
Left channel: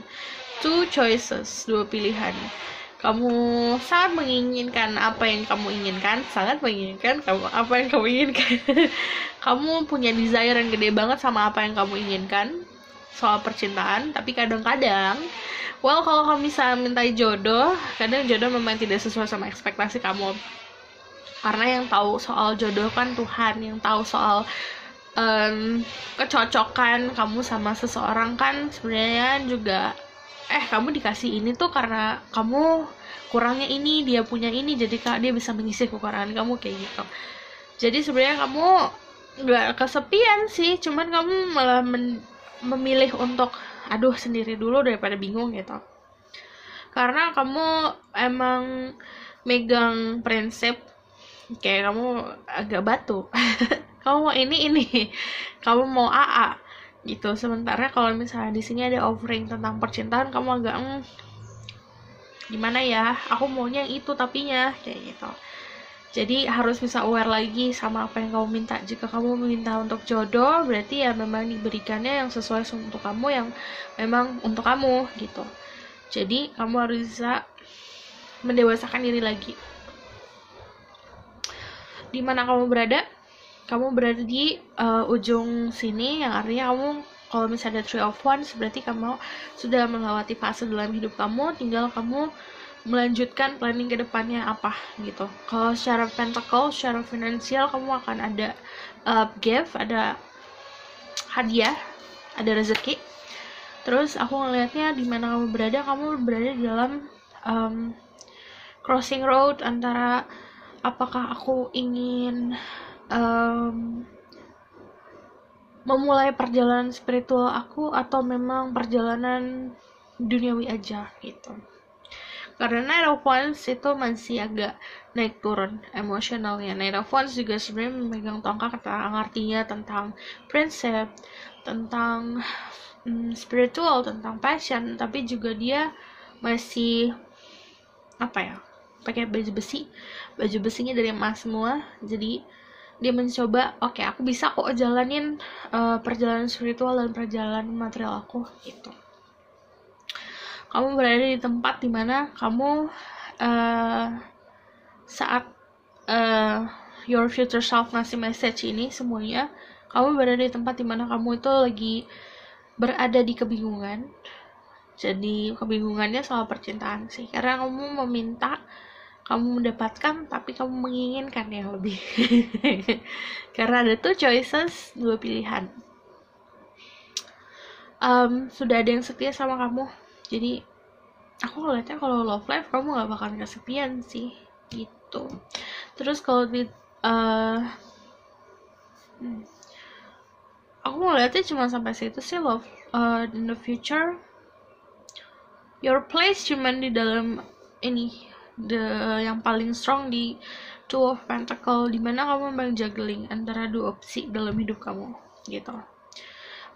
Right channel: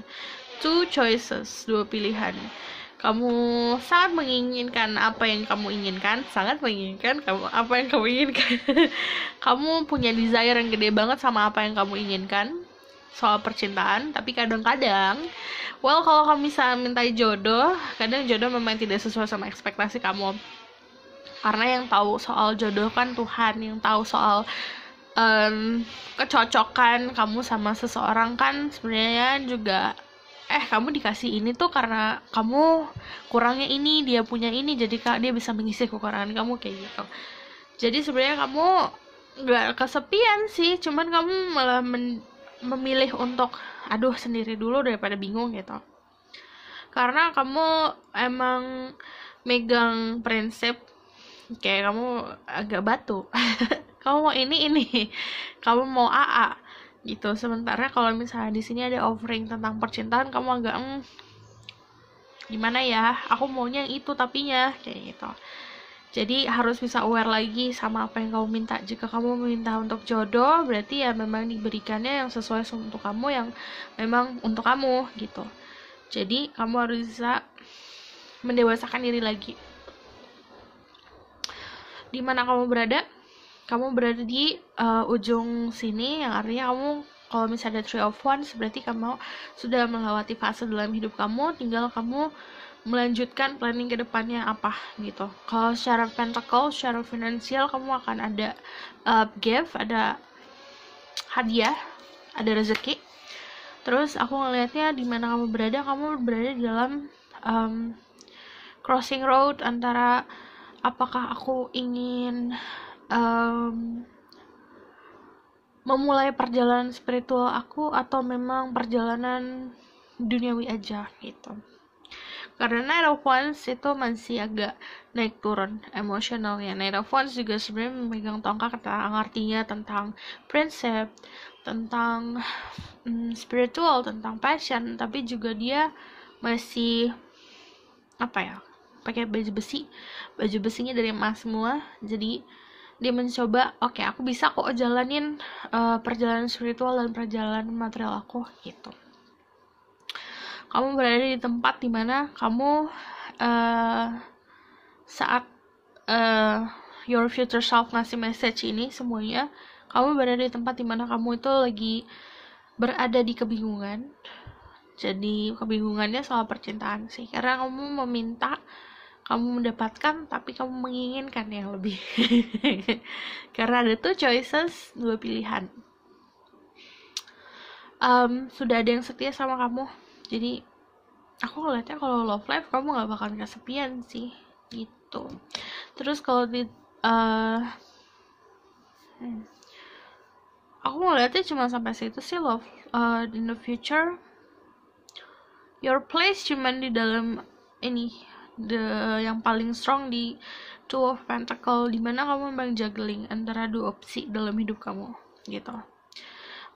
2 choices, 2 pilihan. Kamu sangat menginginkan apa yang kamu inginkan, sangat menginginkan apa yang kamu inginkan. Kamu punya desire yang gede banget sama apa yang kamu inginkan soal percintaan, tapi kadang-kadang, kalau kamu bisa minta jodoh, kadang jodoh memang tidak sesuai sama ekspektasi kamu. Karena yang tahu soal jodoh kan Tuhan, yang tahu soal kecocokan kamu sama seseorang kan sebenarnya juga kamu dikasih ini tuh karena kamu kurangnya ini, dia punya ini, jadi dia bisa mengisi kekurangan kamu kayak gitu. Jadi sebenarnya kamu nggak kesepian sih, cuman kamu malah memilih untuk sendiri dulu daripada bingung gitu. Karena kamu emang megang prinsip kayak kamu agak batu. Kamu mau ini, kamu mau AA gitu. Sementara kalau misalnya di sini ada offering tentang percintaan, kamu agak gimana ya, aku maunya yang itu tapinya kayak gitu. Jadi harus bisa aware lagi sama apa yang kamu minta. Jika kamu meminta untuk jodoh, berarti ya memang diberikannya yang sesuai untuk kamu, yang memang untuk kamu gitu. Jadi kamu harus bisa mendewasakan diri lagi. Di mana kamu berada? Kamu berada di ujung sini, yang artinya kamu kalau misalnya ada 3 of Wands, berarti kamu sudah melewati fase dalam hidup kamu, tinggal kamu melanjutkan planning ke depannya apa gitu. Kalau secara pentacle, secara finansial, kamu akan ada gift, ada hadiah, ada rezeki. Terus aku ngelihatnya di mana kamu berada di dalam crossing road antara apakah aku ingin memulai perjalanan spiritual aku atau memang perjalanan duniawi aja gitu. Karena Knight of Wands itu masih agak naik turun emosionalnya. Knight of Wands juga sebenarnya memegang tongkat artinya tentang prinsip, tentang spiritual, tentang passion, tapi juga dia masih pakai baju besinya dari emas semua. Jadi dia mencoba, aku bisa kok jalanin perjalanan spiritual dan perjalanan material aku gitu. Kamu berada di tempat dimana kamu saat your future self ngasih message ini semuanya, kamu berada di tempat dimana kamu itu lagi berada di kebingungan. Jadi kebingungannya soal percintaan sih, karena kamu meminta, kamu mendapatkan, tapi kamu menginginkan yang lebih. Karena ada 2 choices, 2 pilihan. Sudah ada yang setia sama kamu. Jadi aku ngeliatnya kalau love life kamu gak bakalan kesepian sih gitu. Terus kalau di Aku ngeliatnya cuma sampai situ sih, love. In the future, your place cuman di dalam ini, yang paling strong di Two of Pentacle, dimana kamu memang juggling antara dua opsi dalam hidup kamu, gitu.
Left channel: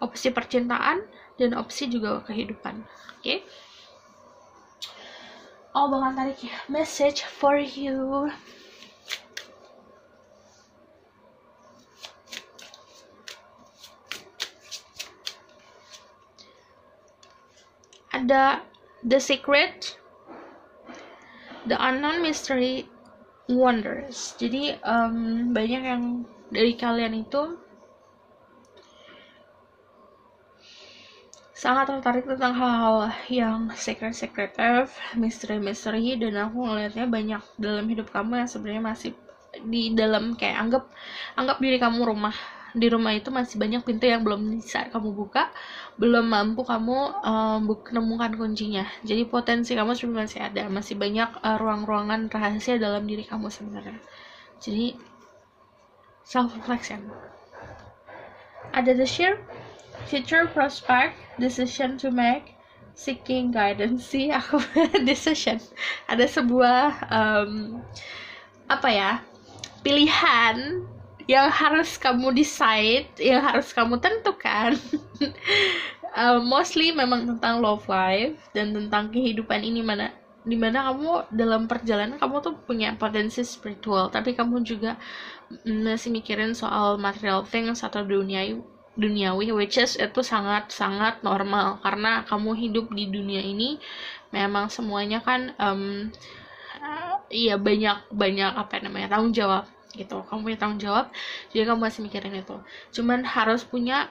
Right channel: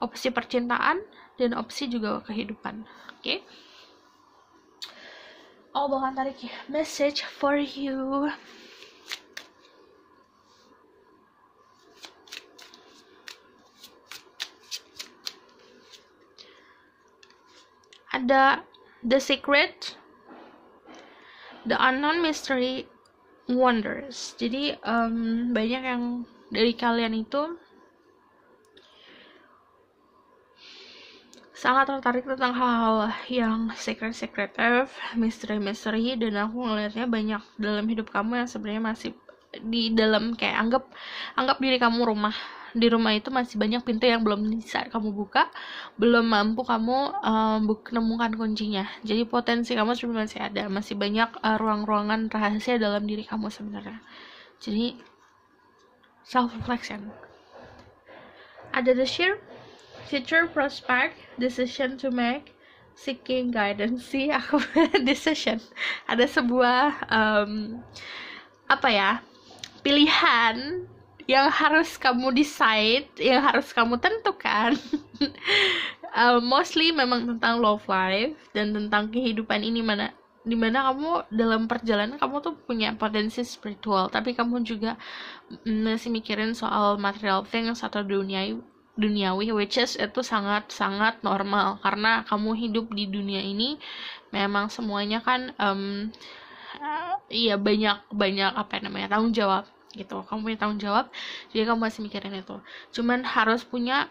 Opsi percintaan dan opsi juga kehidupan. Oke? Aku bakal tarik message for you. Ada The Secret, The Unknown Mystery, Wonders. Jadi banyak yang dari kalian itu sangat tertarik tentang hal-hal yang secret, misteri, dan aku ngelihatnya banyak dalam hidup kamu yang sebenarnya masih di dalam, kayak anggap diri kamu rumah. Di rumah itu masih banyak pintu yang belum bisa kamu buka, belum mampu kamu menemukan kuncinya. Jadi potensi kamu sebenarnya masih ada, masih banyak ruang-ruangan rahasia dalam diri kamu sebenarnya. Jadi self reflection. Ada the future prospect, decision to make, seeking guidance. Sih aku decision. Ada sebuah pilihan yang harus kamu decide, yang harus kamu tentukan. Mostly memang tentang love life dan tentang kehidupan ini, dimana kamu dalam perjalanan kamu tuh punya potensi spiritual, tapi kamu juga masih mikirin soal material things atau duniawi, which is itu sangat normal karena kamu hidup di dunia ini memang semuanya kan banyak tanggung jawab gitu. Kamu punya tanggung jawab, jadi kamu masih mikirin itu. Cuman harus punya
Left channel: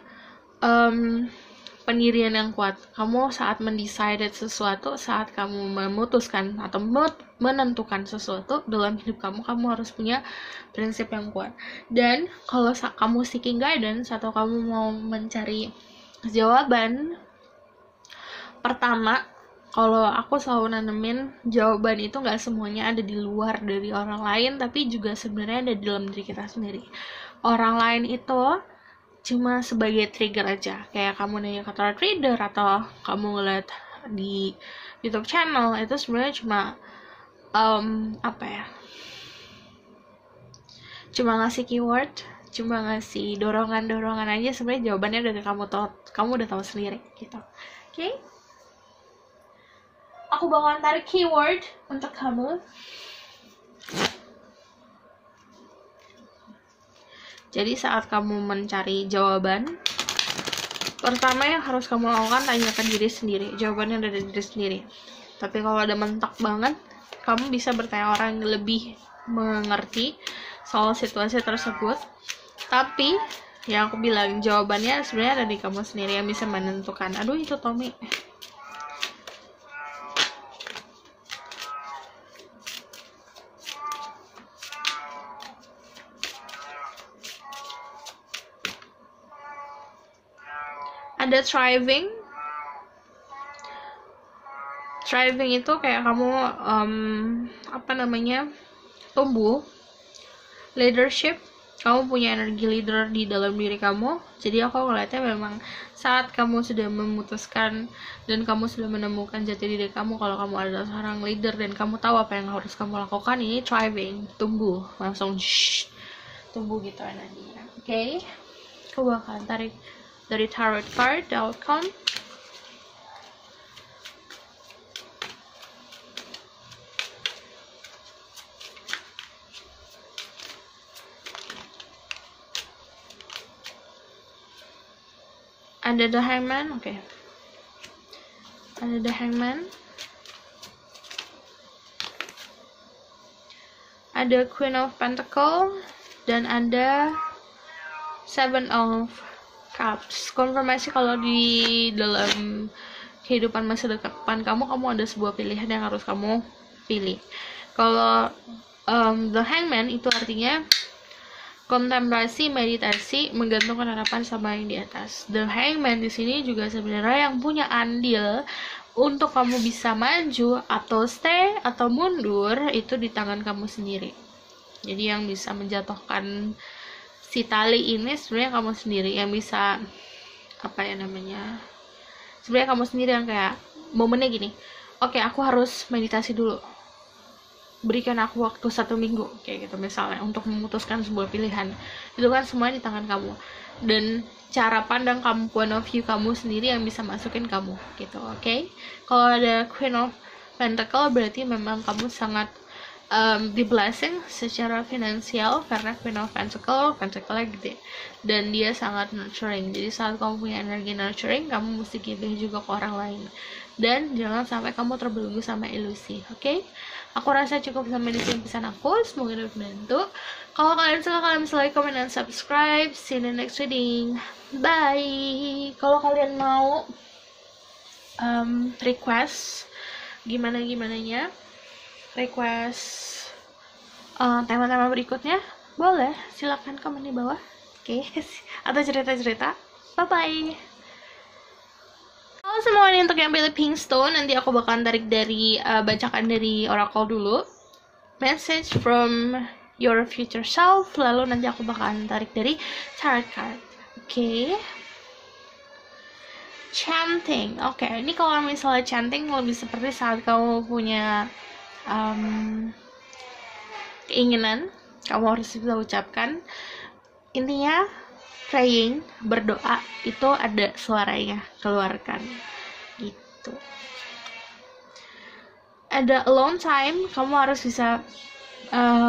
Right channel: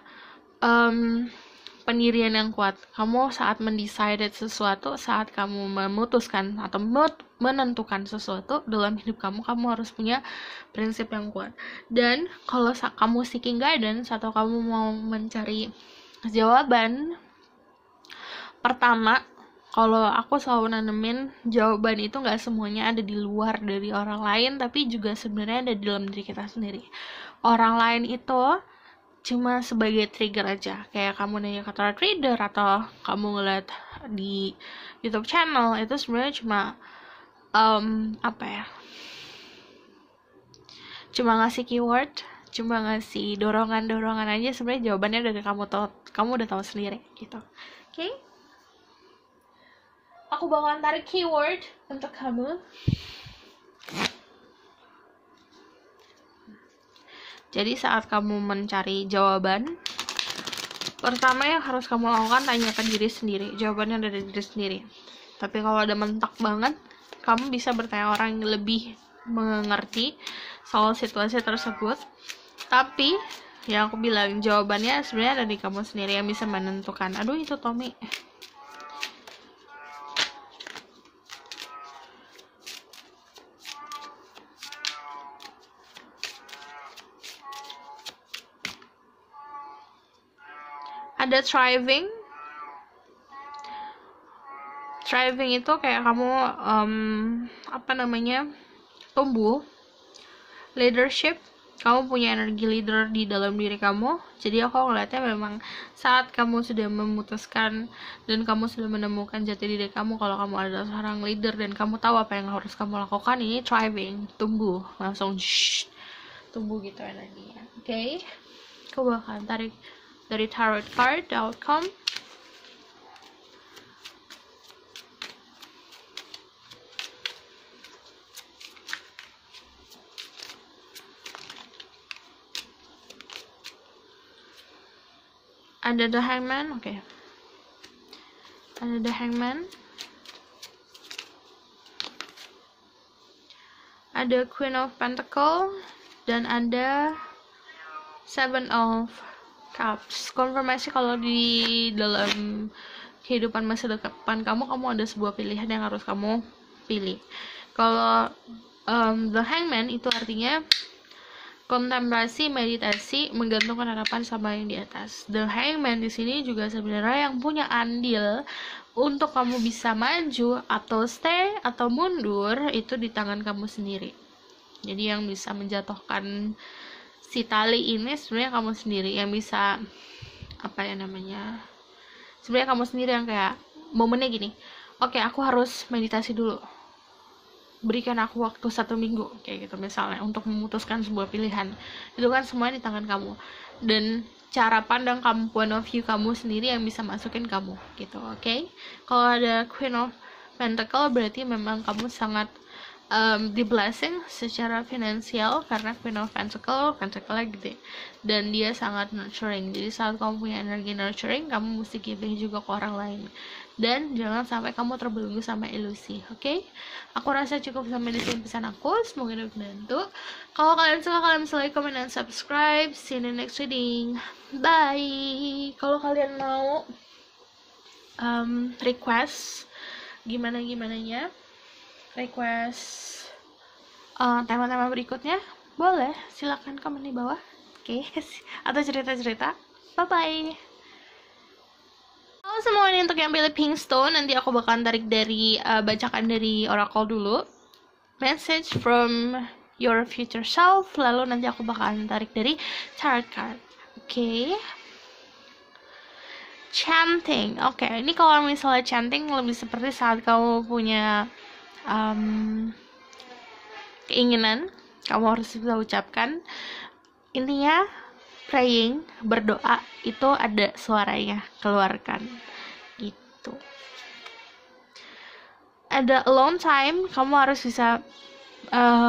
pendirian yang kuat. Kamu saat mendesain sesuatu, saat kamu memutuskan atau menentukan sesuatu dalam hidup kamu harus punya prinsip yang kuat. Dan kalau kamu seeking guidance atau kamu mau mencari jawaban, pertama, kalau aku selalu nanemin, jawaban itu gak semuanya ada di luar dari orang lain, tapi juga sebenarnya ada di dalam diri kita sendiri. Orang lain itu cuma sebagai trigger aja, kayak kamu nanya ke tarot reader atau kamu ngeliat di YouTube channel, itu sebenarnya cuma cuma ngasih keyword, cuma ngasih dorongan aja. Sebenarnya jawabannya dari kamu udah tahu sendiri gitu. Oke? Aku bakalan tarik keyword untuk kamu. Jadi saat kamu mencari jawaban, pertama yang harus kamu lakukan, tanya ke diri sendiri. Jawabannya ada di diri sendiri. Tapi kalau udah mentok banget, kamu bisa bertanya orang yang lebih mengerti soal situasi tersebut. Tapi yang aku bilang, jawabannya sebenarnya ada di kamu sendiri yang bisa menentukan. Aduh, itu Tommy. Ada thriving itu kayak kamu tumbuh. Leadership, kamu punya energi leader di dalam diri kamu. Jadi aku ngeliatnya memang saat kamu sudah memutuskan dan kamu sudah menemukan jati diri kamu, kalau kamu adalah seorang leader dan kamu tahu apa yang harus kamu lakukan, ini thriving, tumbuh, langsung tumbuh gitu energinya. Oke? Aku bakalan tarik dari tarot card, the outcome. Ada the Hangman, oke. Ada the Hangman. Ada Queen of Pentacle dan ada Seven of Cups. Konfirmasi kalau di dalam kehidupan masa depan kamu ada sebuah pilihan yang harus kamu pilih. Kalau the Hangman itu artinya kontemplasi, meditasi, menggantungkan harapan sama yang di atas. The Hangman di sini juga sebenarnya yang punya andil untuk kamu bisa maju atau stay atau mundur itu di tangan kamu sendiri. Jadi yang bisa menjatuhkan si tali ini sebenarnya kamu sendiri yang bisa, apa ya namanya, sebenarnya kamu sendiri yang kayak momennya gini, oke, aku harus meditasi dulu, berikan aku waktu 1 minggu kayak gitu misalnya untuk memutuskan sebuah pilihan. Itu kan semua di tangan kamu, dan cara pandang kamu, point of view kamu sendiri yang bisa masukin kamu gitu. Oke. Kalau ada Queen of Pentacle berarti memang kamu sangat di blessing secara finansial, karena Queen of Pentacle gede dan dia sangat nurturing. Jadi saat kamu punya energi nurturing, kamu mesti giving juga ke orang lain, dan jangan sampai kamu terbelenggu sama ilusi. Oke. Aku rasa cukup sampai di sini pesan aku, semoga dapat membantu. Kalau kalian suka, kalian bisa like, comment, dan subscribe. See you in the next reading. Bye. Kalau kalian mau request gimana-gimananya, request tema-tema berikutnya, boleh silakan komen di bawah. Oke. Atau cerita-cerita. Bye-bye. Halo semuanya, untuk yang pilih pink stone, nanti aku bakalan tarik dari bacakan dari oracle dulu, message from your future self, lalu nanti aku bakalan tarik dari tarot card. Oke. Chanting. Oke, ini kalau misalnya chanting lebih seperti saat kamu punya keinginan, kamu harus bisa ucapkan. Intinya praying, berdoa itu ada suaranya, keluarkan gitu. Ada alone time, kamu harus bisa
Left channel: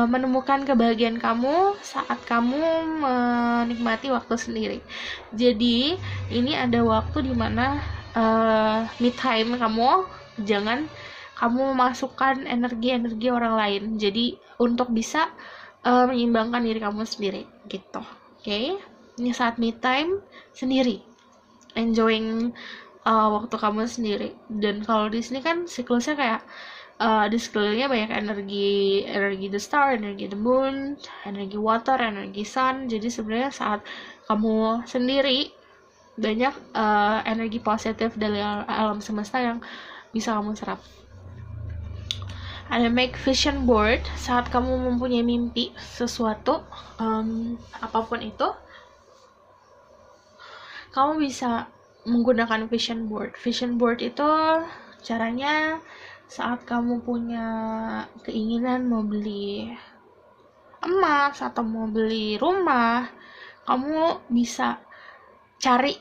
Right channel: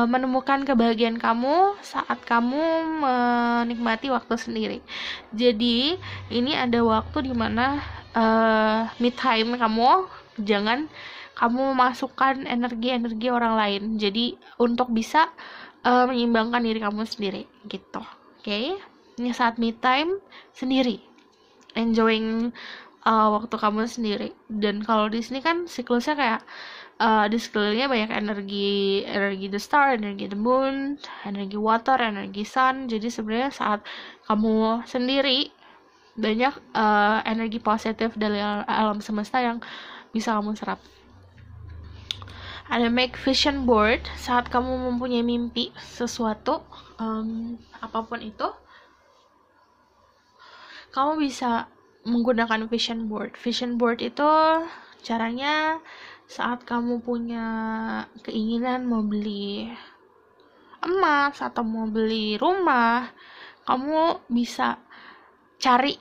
menemukan kebahagiaan kamu saat kamu menikmati waktu sendiri. Jadi ini ada waktu dimana me time kamu, jangan kamu memasukkan energi orang lain. Jadi untuk bisa menyeimbangkan diri kamu sendiri gitu. Oke. Ini saat me time sendiri, enjoying waktu kamu sendiri. Dan kalau di sini kan siklusnya kayak di sekelilingnya banyak energi the star, energi the moon, energi water, energi sun. Jadi sebenarnya saat kamu sendiri banyak energi positif dari alam semesta yang bisa kamu serap. Ada make vision board, saat kamu mempunyai mimpi sesuatu, apapun itu, kamu bisa menggunakan vision board. Vision board itu caranya saat kamu punya keinginan mau beli emas atau mau beli rumah, kamu bisa cari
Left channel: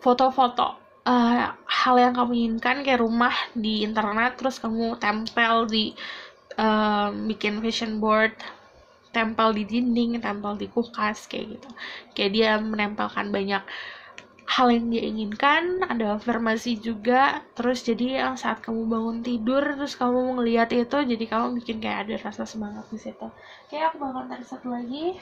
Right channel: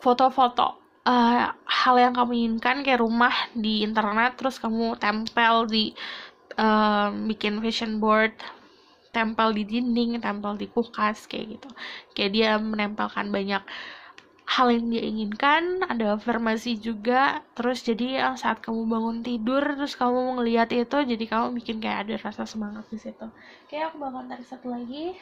foto-foto hal yang kamu inginkan kayak rumah di internet, terus kamu tempel di bikin vision board, tempel di dinding, tempel di kulkas kayak gitu. Kayak dia menempelkan banyak hal yang dia inginkan, ada afirmasi juga. Terus jadi saat kamu bangun tidur terus kamu ngelihat itu, jadi kamu bikin kayak ada rasa semangat di situ. Oke, aku bakal tarik satu lagi.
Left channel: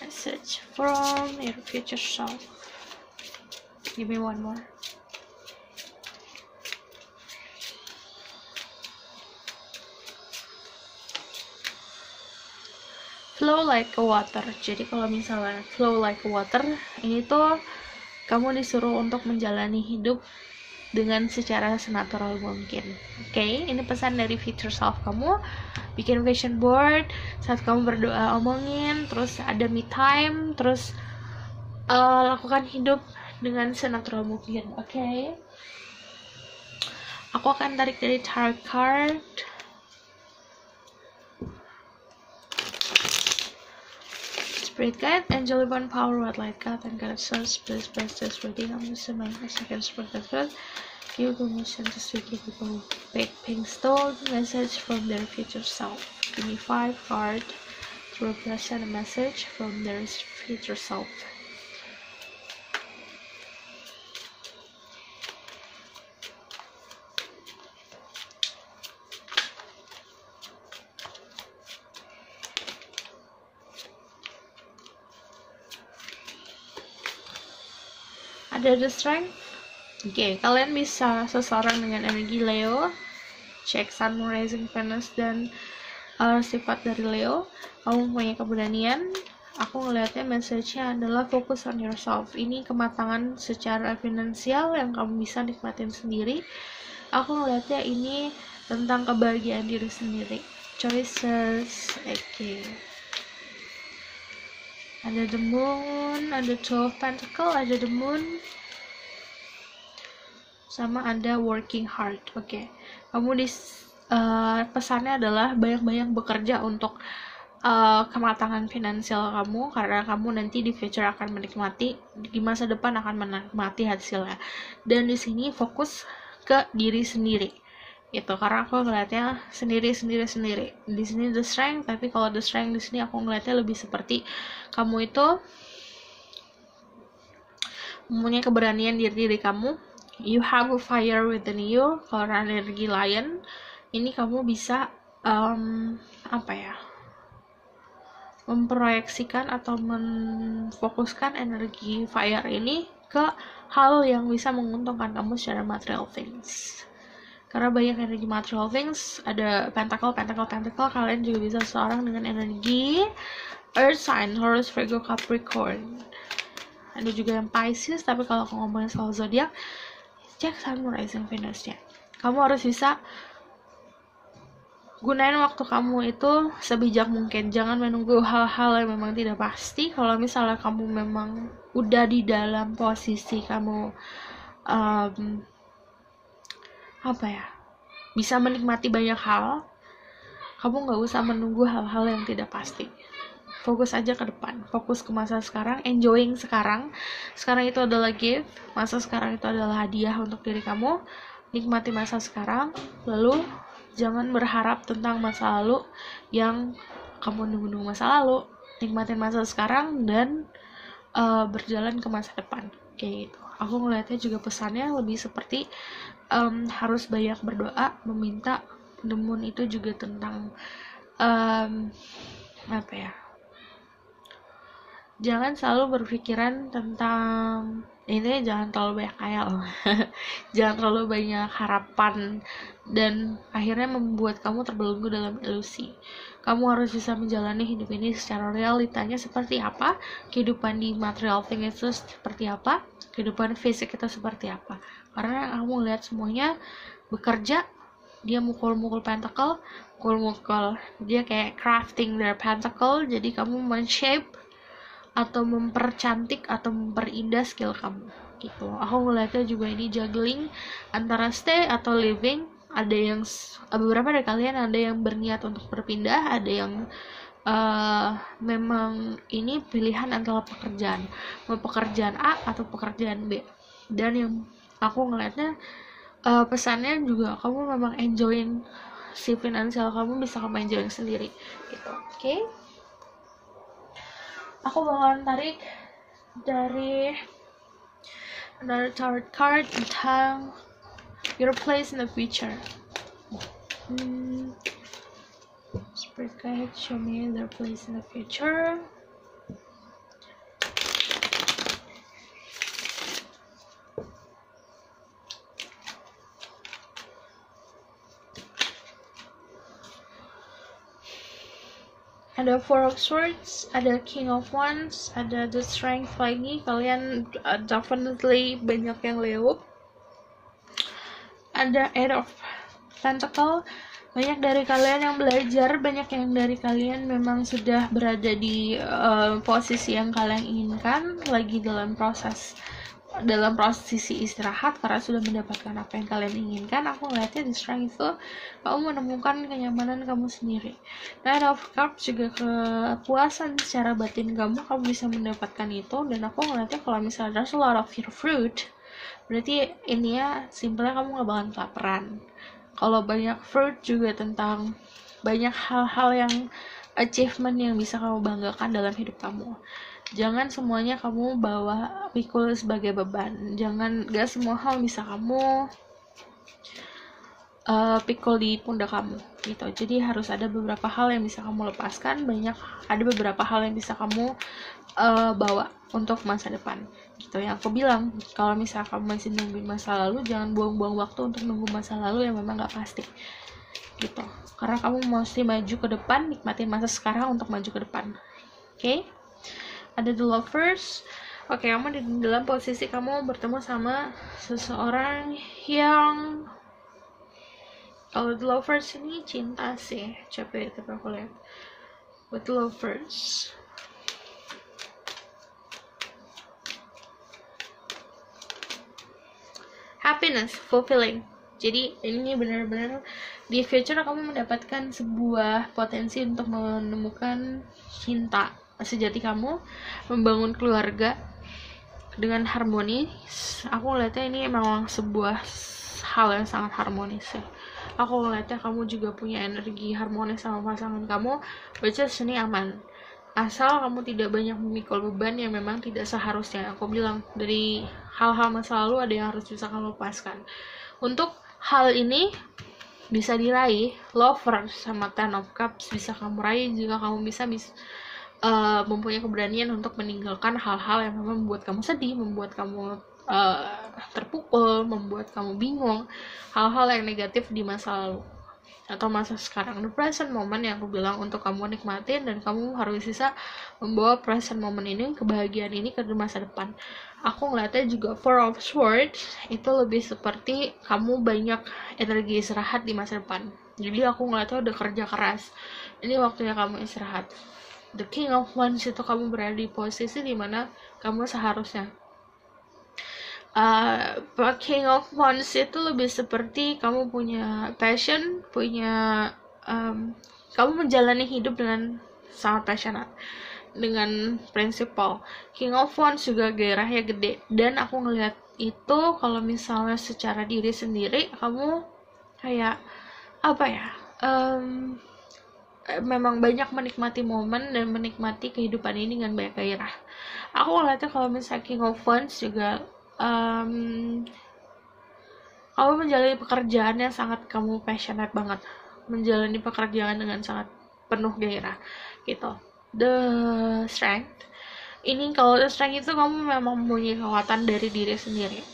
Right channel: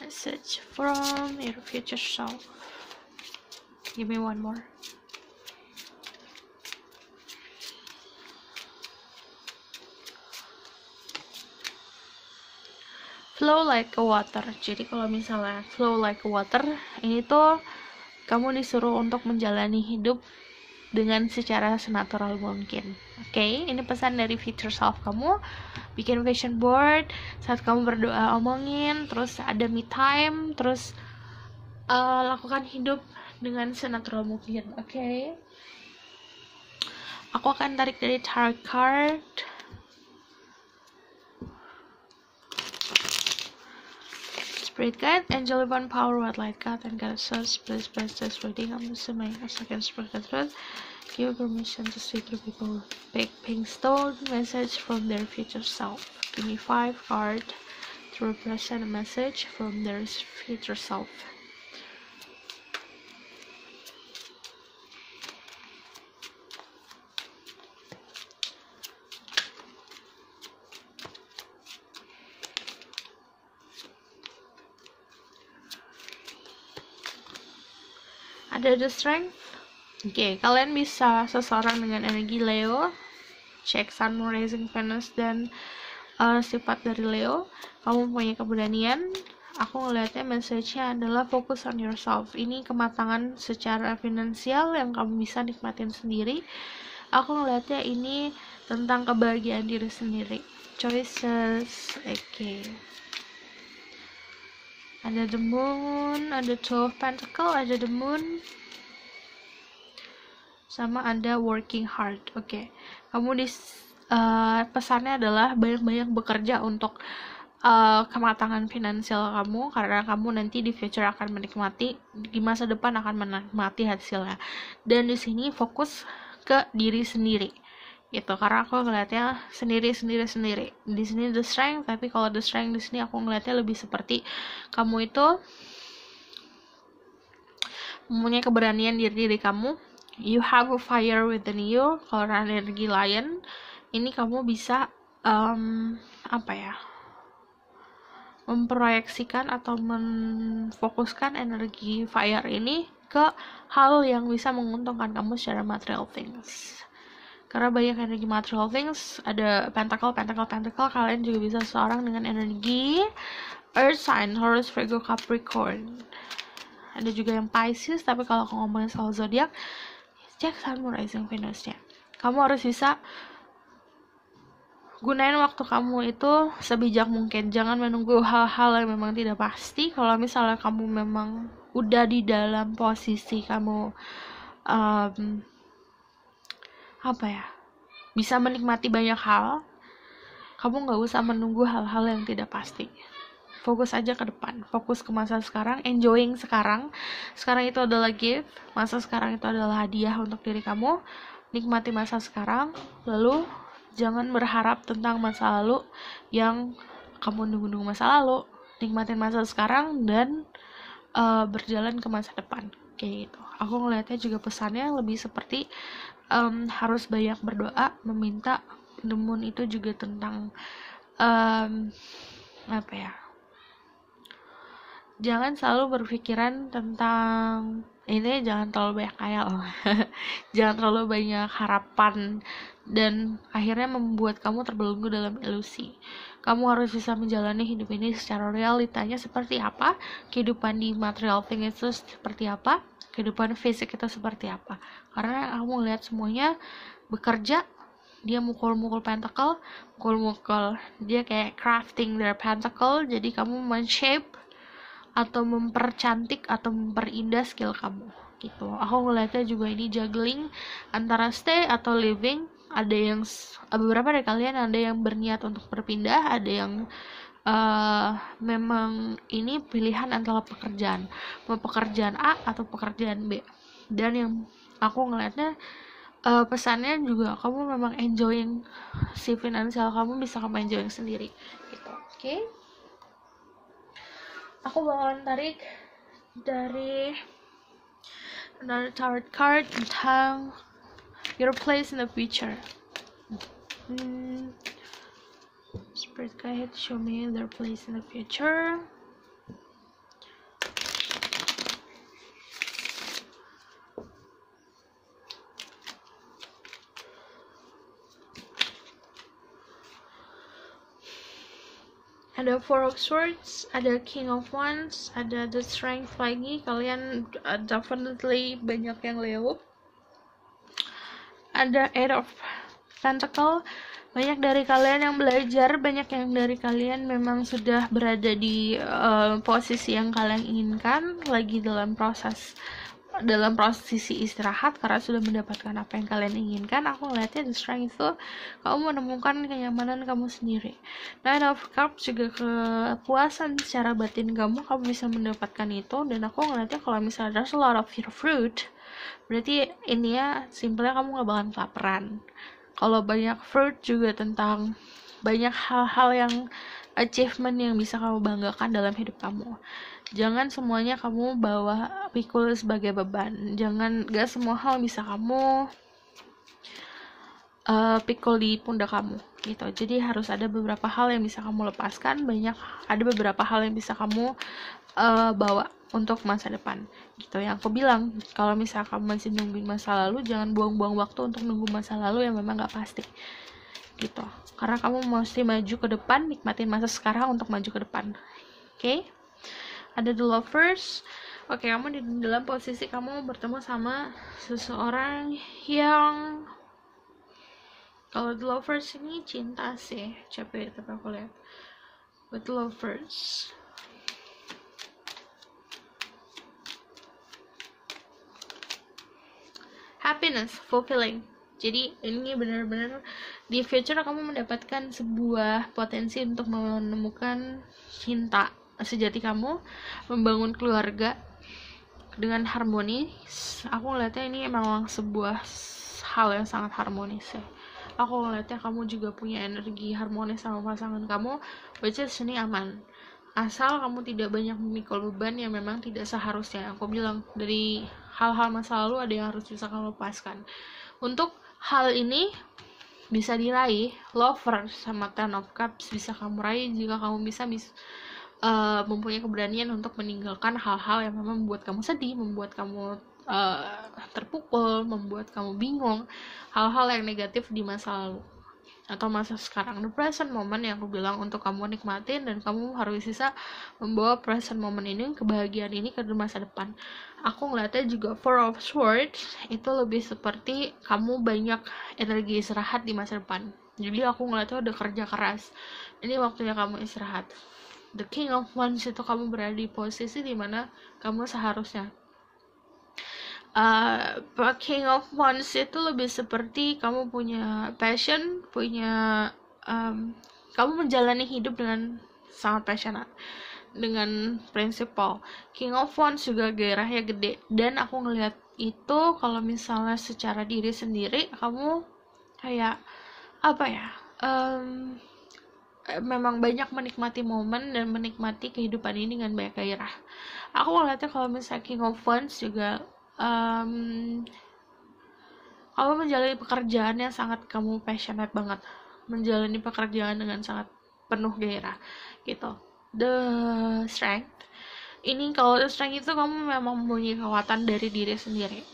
Message from your future self. Give me one more. Flow like a water. Jadi kalau misalnya flow like a water, ini tuh kamu disuruh untuk menjalani hidup dengan secara senatural mungkin. Oke, ini pesan dari future self kamu. Bikin vision board, saat kamu berdoa omongin, terus ada me time, terus lakukan hidup dengan senatural mungkin. Oke. Aku akan tarik dari tarot card. Spirit guide, angel one power, what light God and God source, please bless this reading. I'm assuming a second spirit as well. Give permission to speak to people. Big pink stone, message from their future self. Give me 5 cards to represent a message from their future self. Ada the strength. Oke, kalian bisa seseorang dengan energi Leo, cek Sun, Moon, Rising, Venus, dan sifat dari Leo. Kamu punya keberanian. Aku ngeliatnya message-nya adalah focus on yourself. Ini kematangan secara finansial yang kamu bisa nikmatin sendiri. Aku ngeliatnya ini tentang kebahagiaan diri sendiri. Choices, oke. Ada the moon, ada two of pentacle, ada the moon, sama ada working hard. Oke. Kamu pesannya adalah banyak-banyak bekerja untuk kematangan finansial kamu, karena kamu nanti di future akan menikmati, di masa depan akan menikmati hasilnya. Dan di sini fokus ke diri sendiri gitu, karena aku ngeliatnya sendiri. Di sini the strength, tapi kalau the strength di sini aku ngeliatnya lebih seperti kamu itu mempunyai keberanian diri kamu. You have a fire within you. Kalau energi lion ini kamu bisa memproyeksikan atau memfokuskan energi fire ini ke hal yang bisa menguntungkan kamu secara material things. Karena banyak energi material things, ada pentacle, kalian juga bisa seorang dengan energi earth sign, Taurus, Virgo, Capricorn. Ada juga yang Pisces, tapi kalau aku ngomongin soal zodiak, cek Sun, Rising, Venus-nya. Kamu harus bisa gunain waktu kamu itu sebijak mungkin. Jangan menunggu hal-hal yang memang tidak pasti. Kalau misalnya kamu memang udah di dalam posisi kamu bisa menikmati banyak hal, kamu gak usah menunggu hal-hal yang tidak pasti. Fokus aja ke depan, fokus ke masa sekarang, enjoying sekarang. Sekarang itu adalah gift, masa sekarang itu adalah hadiah untuk diri kamu. Nikmati masa sekarang, lalu jangan berharap tentang masa lalu yang kamu nunggu masa lalu. Nikmatin masa sekarang dan berjalan ke masa depan, kayak gitu. Aku ngelihatnya juga pesannya lebih seperti harus banyak berdoa, meminta. The moon itu juga tentang jangan selalu berpikiran tentang ini, jangan terlalu banyak khayal. Jangan terlalu banyak harapan dan akhirnya membuat kamu terbelenggu dalam ilusi. Kamu harus bisa menjalani hidup ini secara realitanya seperti apa, kehidupan di material thing itu seperti apa, kehidupan fisik kita seperti apa. Karena kamu lihat semuanya bekerja, dia mukul-mukul pentacle, dia kayak crafting their pentacle. Jadi kamu men-shape atau mempercantik atau memperindah skill kamu gitu. Aku ngeliatnya juga ini juggling antara stay atau living. Ada yang beberapa dari kalian ada yang berniat untuk berpindah, ada yang memang ini pilihan antara mau pekerjaan A atau pekerjaan B. Dan yang aku ngeliatnya pesannya juga kamu memang enjoying si finansial kamu, bisa kamu enjoying sendiri gitu. Oke? Aku bakalan tarik dari another tarot card tentang your place in the future. Spirit guide, show me their place in the future. Ada Four of Swords, ada King of Wands, ada The Strength lagi. Kalian definitely banyak yang Leo. Ada Eight of Pentacle. Banyak dari kalian yang belajar, banyak yang dari kalian memang sudah berada di posisi yang kalian inginkan, lagi dalam posisi istirahat karena sudah mendapatkan apa yang kalian inginkan. Aku ngeliatnya di strength itu kamu menemukan kenyamanan kamu sendiri. Nine of Cups juga kepuasan secara batin kamu bisa mendapatkan itu. Dan aku ngeliatnya kalau misalnya there's a lot of your fruit, berarti ini ya simpelnya kamu gak bakalan kelaparan. Kalau banyak fruit juga tentang banyak hal-hal yang achievement yang bisa kamu banggakan dalam hidup kamu. Jangan semuanya kamu pikul sebagai beban. Gak semua hal bisa kamu pikul di pundak kamu gitu. Jadi harus ada beberapa hal yang bisa kamu lepaskan, ada beberapa hal yang bisa kamu bawa untuk masa depan gitu. Yang aku bilang, kalau misalnya kamu masih nungguin masa lalu, jangan buang-buang waktu untuk nunggu masa lalu yang memang gak pasti gitu. Karena kamu mesti maju ke depan, nikmatin masa sekarang untuk maju ke depan. Oke? Ada The Lovers. Oke, kamu di dalam posisi kamu bertemu sama seseorang yang Kalau The Lovers ini cinta sih, capek tapi aku lihat. But The Lovers, happiness, fulfilling. Jadi ini benar-benar di future kamu mendapatkan sebuah potensi untuk menemukan cinta sejati kamu, membangun keluarga dengan harmonis. Aku ngeliatnya ini memang sebuah hal yang sangat harmonis ya. Aku ngeliatnya kamu juga punya energi harmonis sama pasangan kamu, which is ini aman. Asal kamu tidak banyak memikul beban yang memang tidak seharusnya. Aku bilang dari hal-hal masa lalu ada yang harus bisa kamu lepaskan. Untuk hal ini bisa diraih, Lovers sama Ten of Cups bisa kamu raih jika kamu bisa mempunyai keberanian untuk meninggalkan hal-hal yang memang membuat kamu sedih, membuat kamu terpukul, membuat kamu bingung, hal-hal yang negatif di masa lalu atau masa sekarang. The present moment yang aku bilang untuk kamu nikmatin, dan kamu harus bisa membawa present moment ini, kebahagiaan ini ke masa depan. Aku ngeliatnya juga Four of Swords itu lebih seperti kamu banyak energi istirahat di masa depan. Jadi aku ngeliatnya udah kerja keras, ini waktunya kamu istirahat. The King of Wands itu kamu berada di posisi dimana kamu seharusnya King of Wands itu lebih seperti kamu punya passion, kamu menjalani hidup dengan sangat passionate, dengan prinsipal. King of Wands juga gairahnya gede, dan aku ngelihat itu kalau misalnya secara diri sendiri kamu kayak apa ya, memang banyak menikmati momen dan menikmati kehidupan ini dengan banyak gairah. Aku ngeliatnya kalau misalnya King of Wands juga kamu menjalani pekerjaan yang sangat kamu passionate banget, menjalani pekerjaan dengan sangat penuh gairah gitu. The Strength ini, kalau The Strength itu kamu memang mempunyai kekuatan dari diri sendiri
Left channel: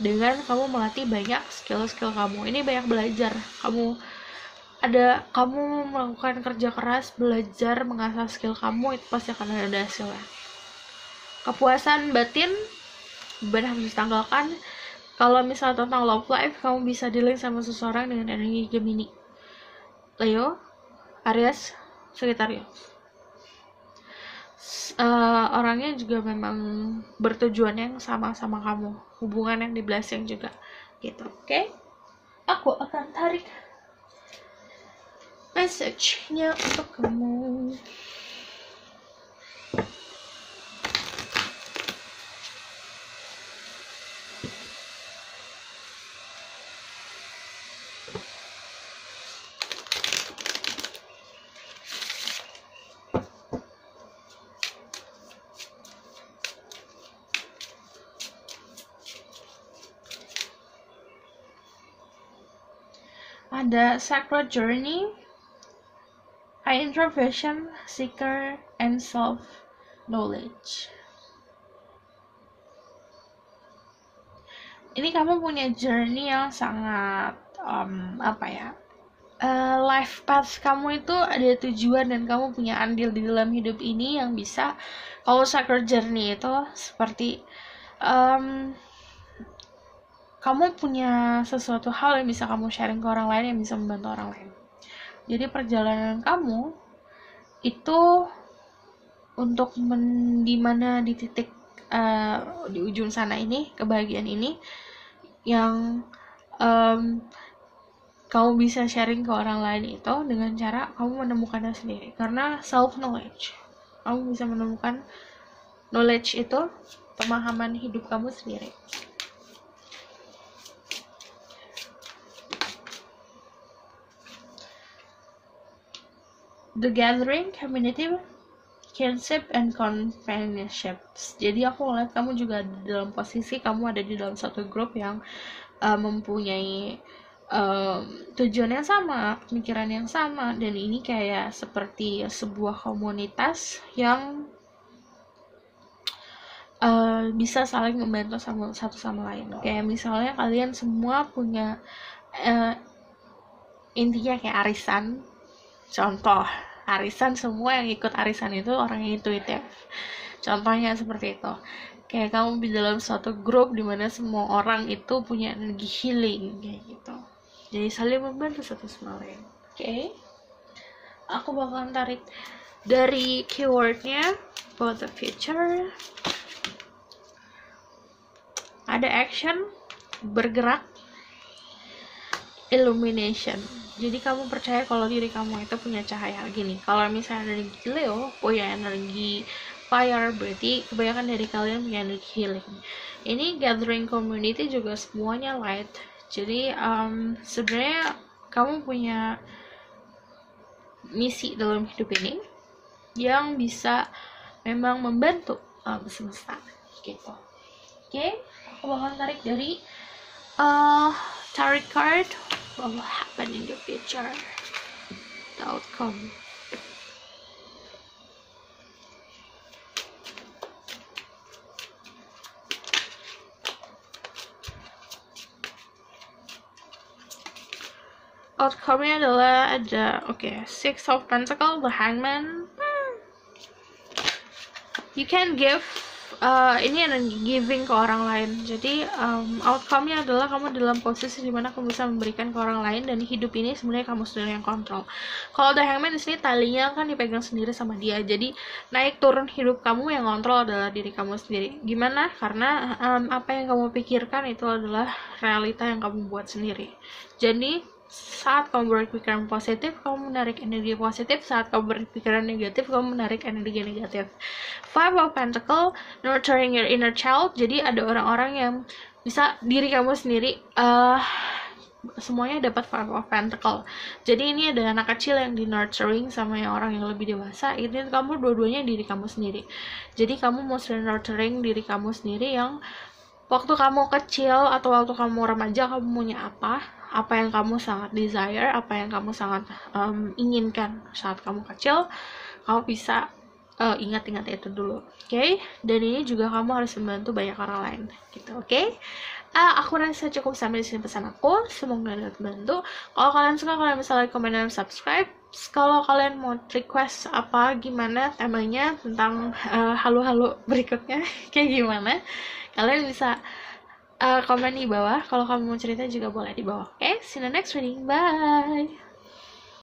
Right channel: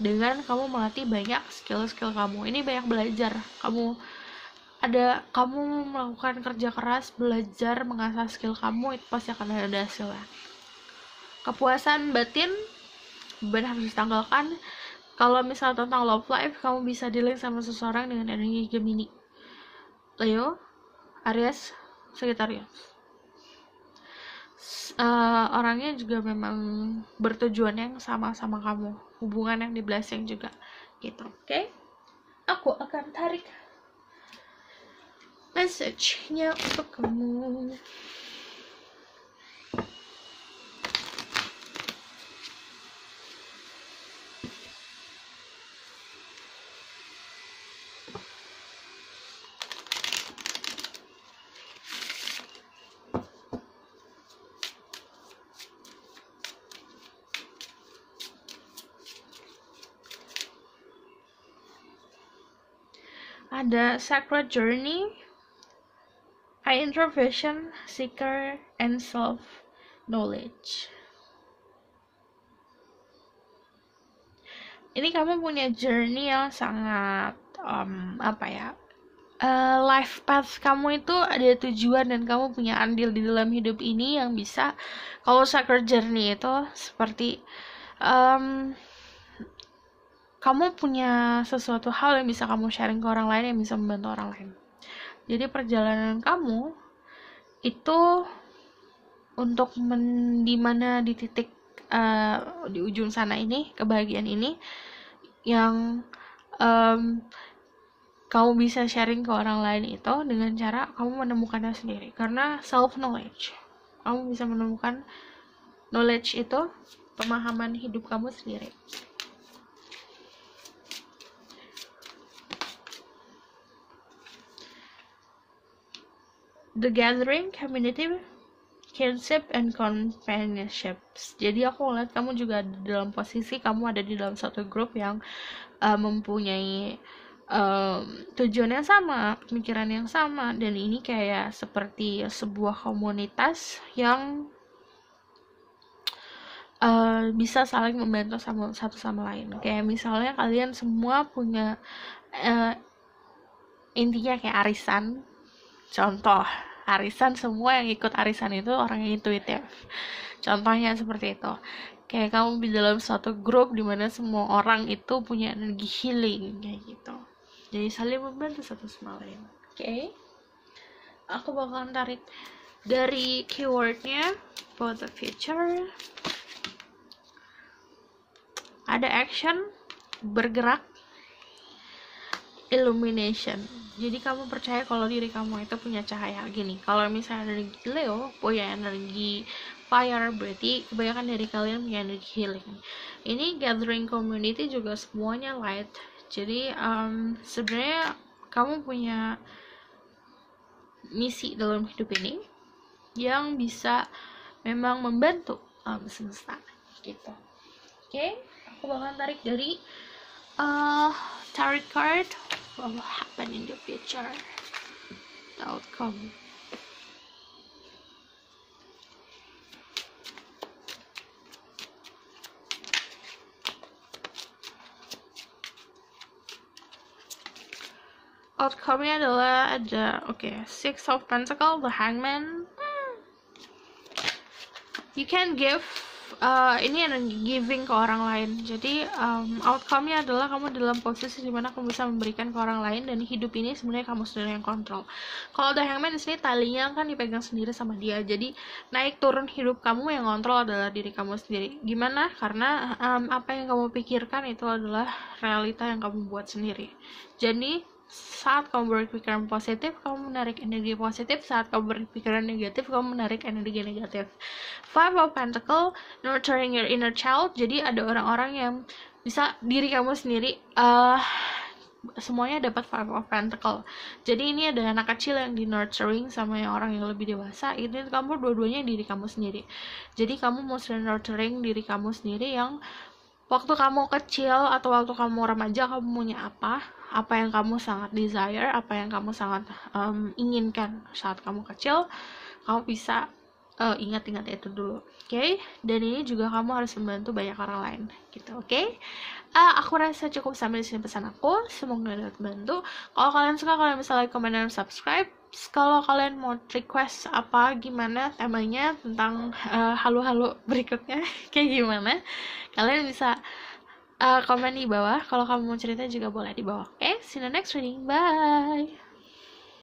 dengan kamu melatih banyak skill-skill kamu. Ini banyak belajar, kamu melakukan kerja keras, belajar mengasah skill kamu, itu pasti akan ada hasilnya. Kepuasan batin, beban harus ditanggalkan. Kalau misalnya tentang love life, kamu bisa dealing sama seseorang dengan energi Gemini, Leo, Aries, Sagittarius. Orangnya juga memang bertujuan yang sama-sama kamu, hubungan yang di blessing juga gitu. Oke? Aku akan tarik message-nya untuk kamu. Ada Sacred Journey, Introversion, Seeker, and Self-Knowledge. Ini kamu punya journey yang sangat life path kamu itu ada tujuan, dan kamu punya andil di dalam hidup ini yang bisa. Kalau Sacred Journey itu seperti kamu punya sesuatu hal yang bisa kamu sharing ke orang lain, yang bisa membantu orang lain. Jadi perjalanan kamu itu untuk dimana di titik di ujung sana ini, kebahagiaan ini yang kamu bisa sharing ke orang lain itu dengan cara kamu menemukannya sendiri. Karena self knowledge, kamu bisa menemukan knowledge itu, pemahaman hidup kamu sendiri. The Gathering, Community, Kinship, and Companionships. Jadi aku ngeliat kamu juga dalam posisi kamu ada di dalam satu grup yang mempunyai tujuan yang sama, pemikiran yang sama, dan ini kayak seperti sebuah komunitas yang bisa saling membantu satu sama lain. Kayak misalnya kalian semua punya intinya kayak arisan. Contoh, arisan, semua yang ikut arisan itu orang yang intuitif. Contohnya seperti itu. Kayak kamu di dalam suatu grup dimana semua orang itu punya energi healing kayak gitu. jadi saling membantu satu sama lain. Oke. Aku bakalan tarik dari keywordnya for the future. Ada action, bergerak, illumination. Jadi kamu percaya kalau diri kamu itu punya cahaya. Gini, kalau misalnya energi Leo punya energi fire, berarti kebanyakan dari kalian punya energi healing. Ini gathering community juga semuanya light. Jadi sebenarnya kamu punya misi dalam hidup ini yang bisa memang membantu semesta gitu. Oke, aku bakal tarik dari tarot card what will happen in the future, the outcome. Outcome-nya adalah ada Six of Pentacles, the Hangman. You can give ini ada giving ke orang lain. Jadi outcome-nya adalah kamu dalam posisi dimana kamu bisa memberikan ke orang lain, dan hidup ini sebenarnya kamu sendiri yang kontrol. Kalau the Hangman di sini talinya kan dipegang sendiri sama dia. Jadi naik turun hidup kamu yang kontrol adalah diri kamu sendiri. Gimana? Karena apa yang kamu pikirkan itu adalah realita yang kamu buat sendiri. Jadi saat kamu berpikiran positif, kamu menarik energi positif. Saat kamu berpikiran negatif, kamu menarik energi negatif. Five of Pentacles, nurturing your inner child. Jadi ada orang-orang yang bisa diri kamu sendiri semuanya dapat Five of Pentacles. Jadi ini ada anak kecil yang di nurturing sama yang orang yang lebih dewasa. Ini kamu dua-duanya diri kamu sendiri. Jadi kamu mau nurturing diri kamu sendiri yang waktu kamu kecil atau waktu kamu remaja kamu maunya apa yang kamu sangat desire, apa yang kamu sangat inginkan saat kamu kecil, kamu bisa ingat-ingat itu dulu, oke? Dan ini juga kamu harus membantu banyak orang lain, gitu, oke? Aku rasa cukup sampai di sini pesan aku, semoga dapat membantu. Kalau kalian suka, kalian bisa like, comment, dan subscribe. Kalau kalian mau request apa, gimana temanya tentang halu-halu berikutnya, kayak gimana, kalian bisa komen di bawah. Kalau kamu mau cerita juga boleh di bawah. Oke, see you in the next reading. Bye.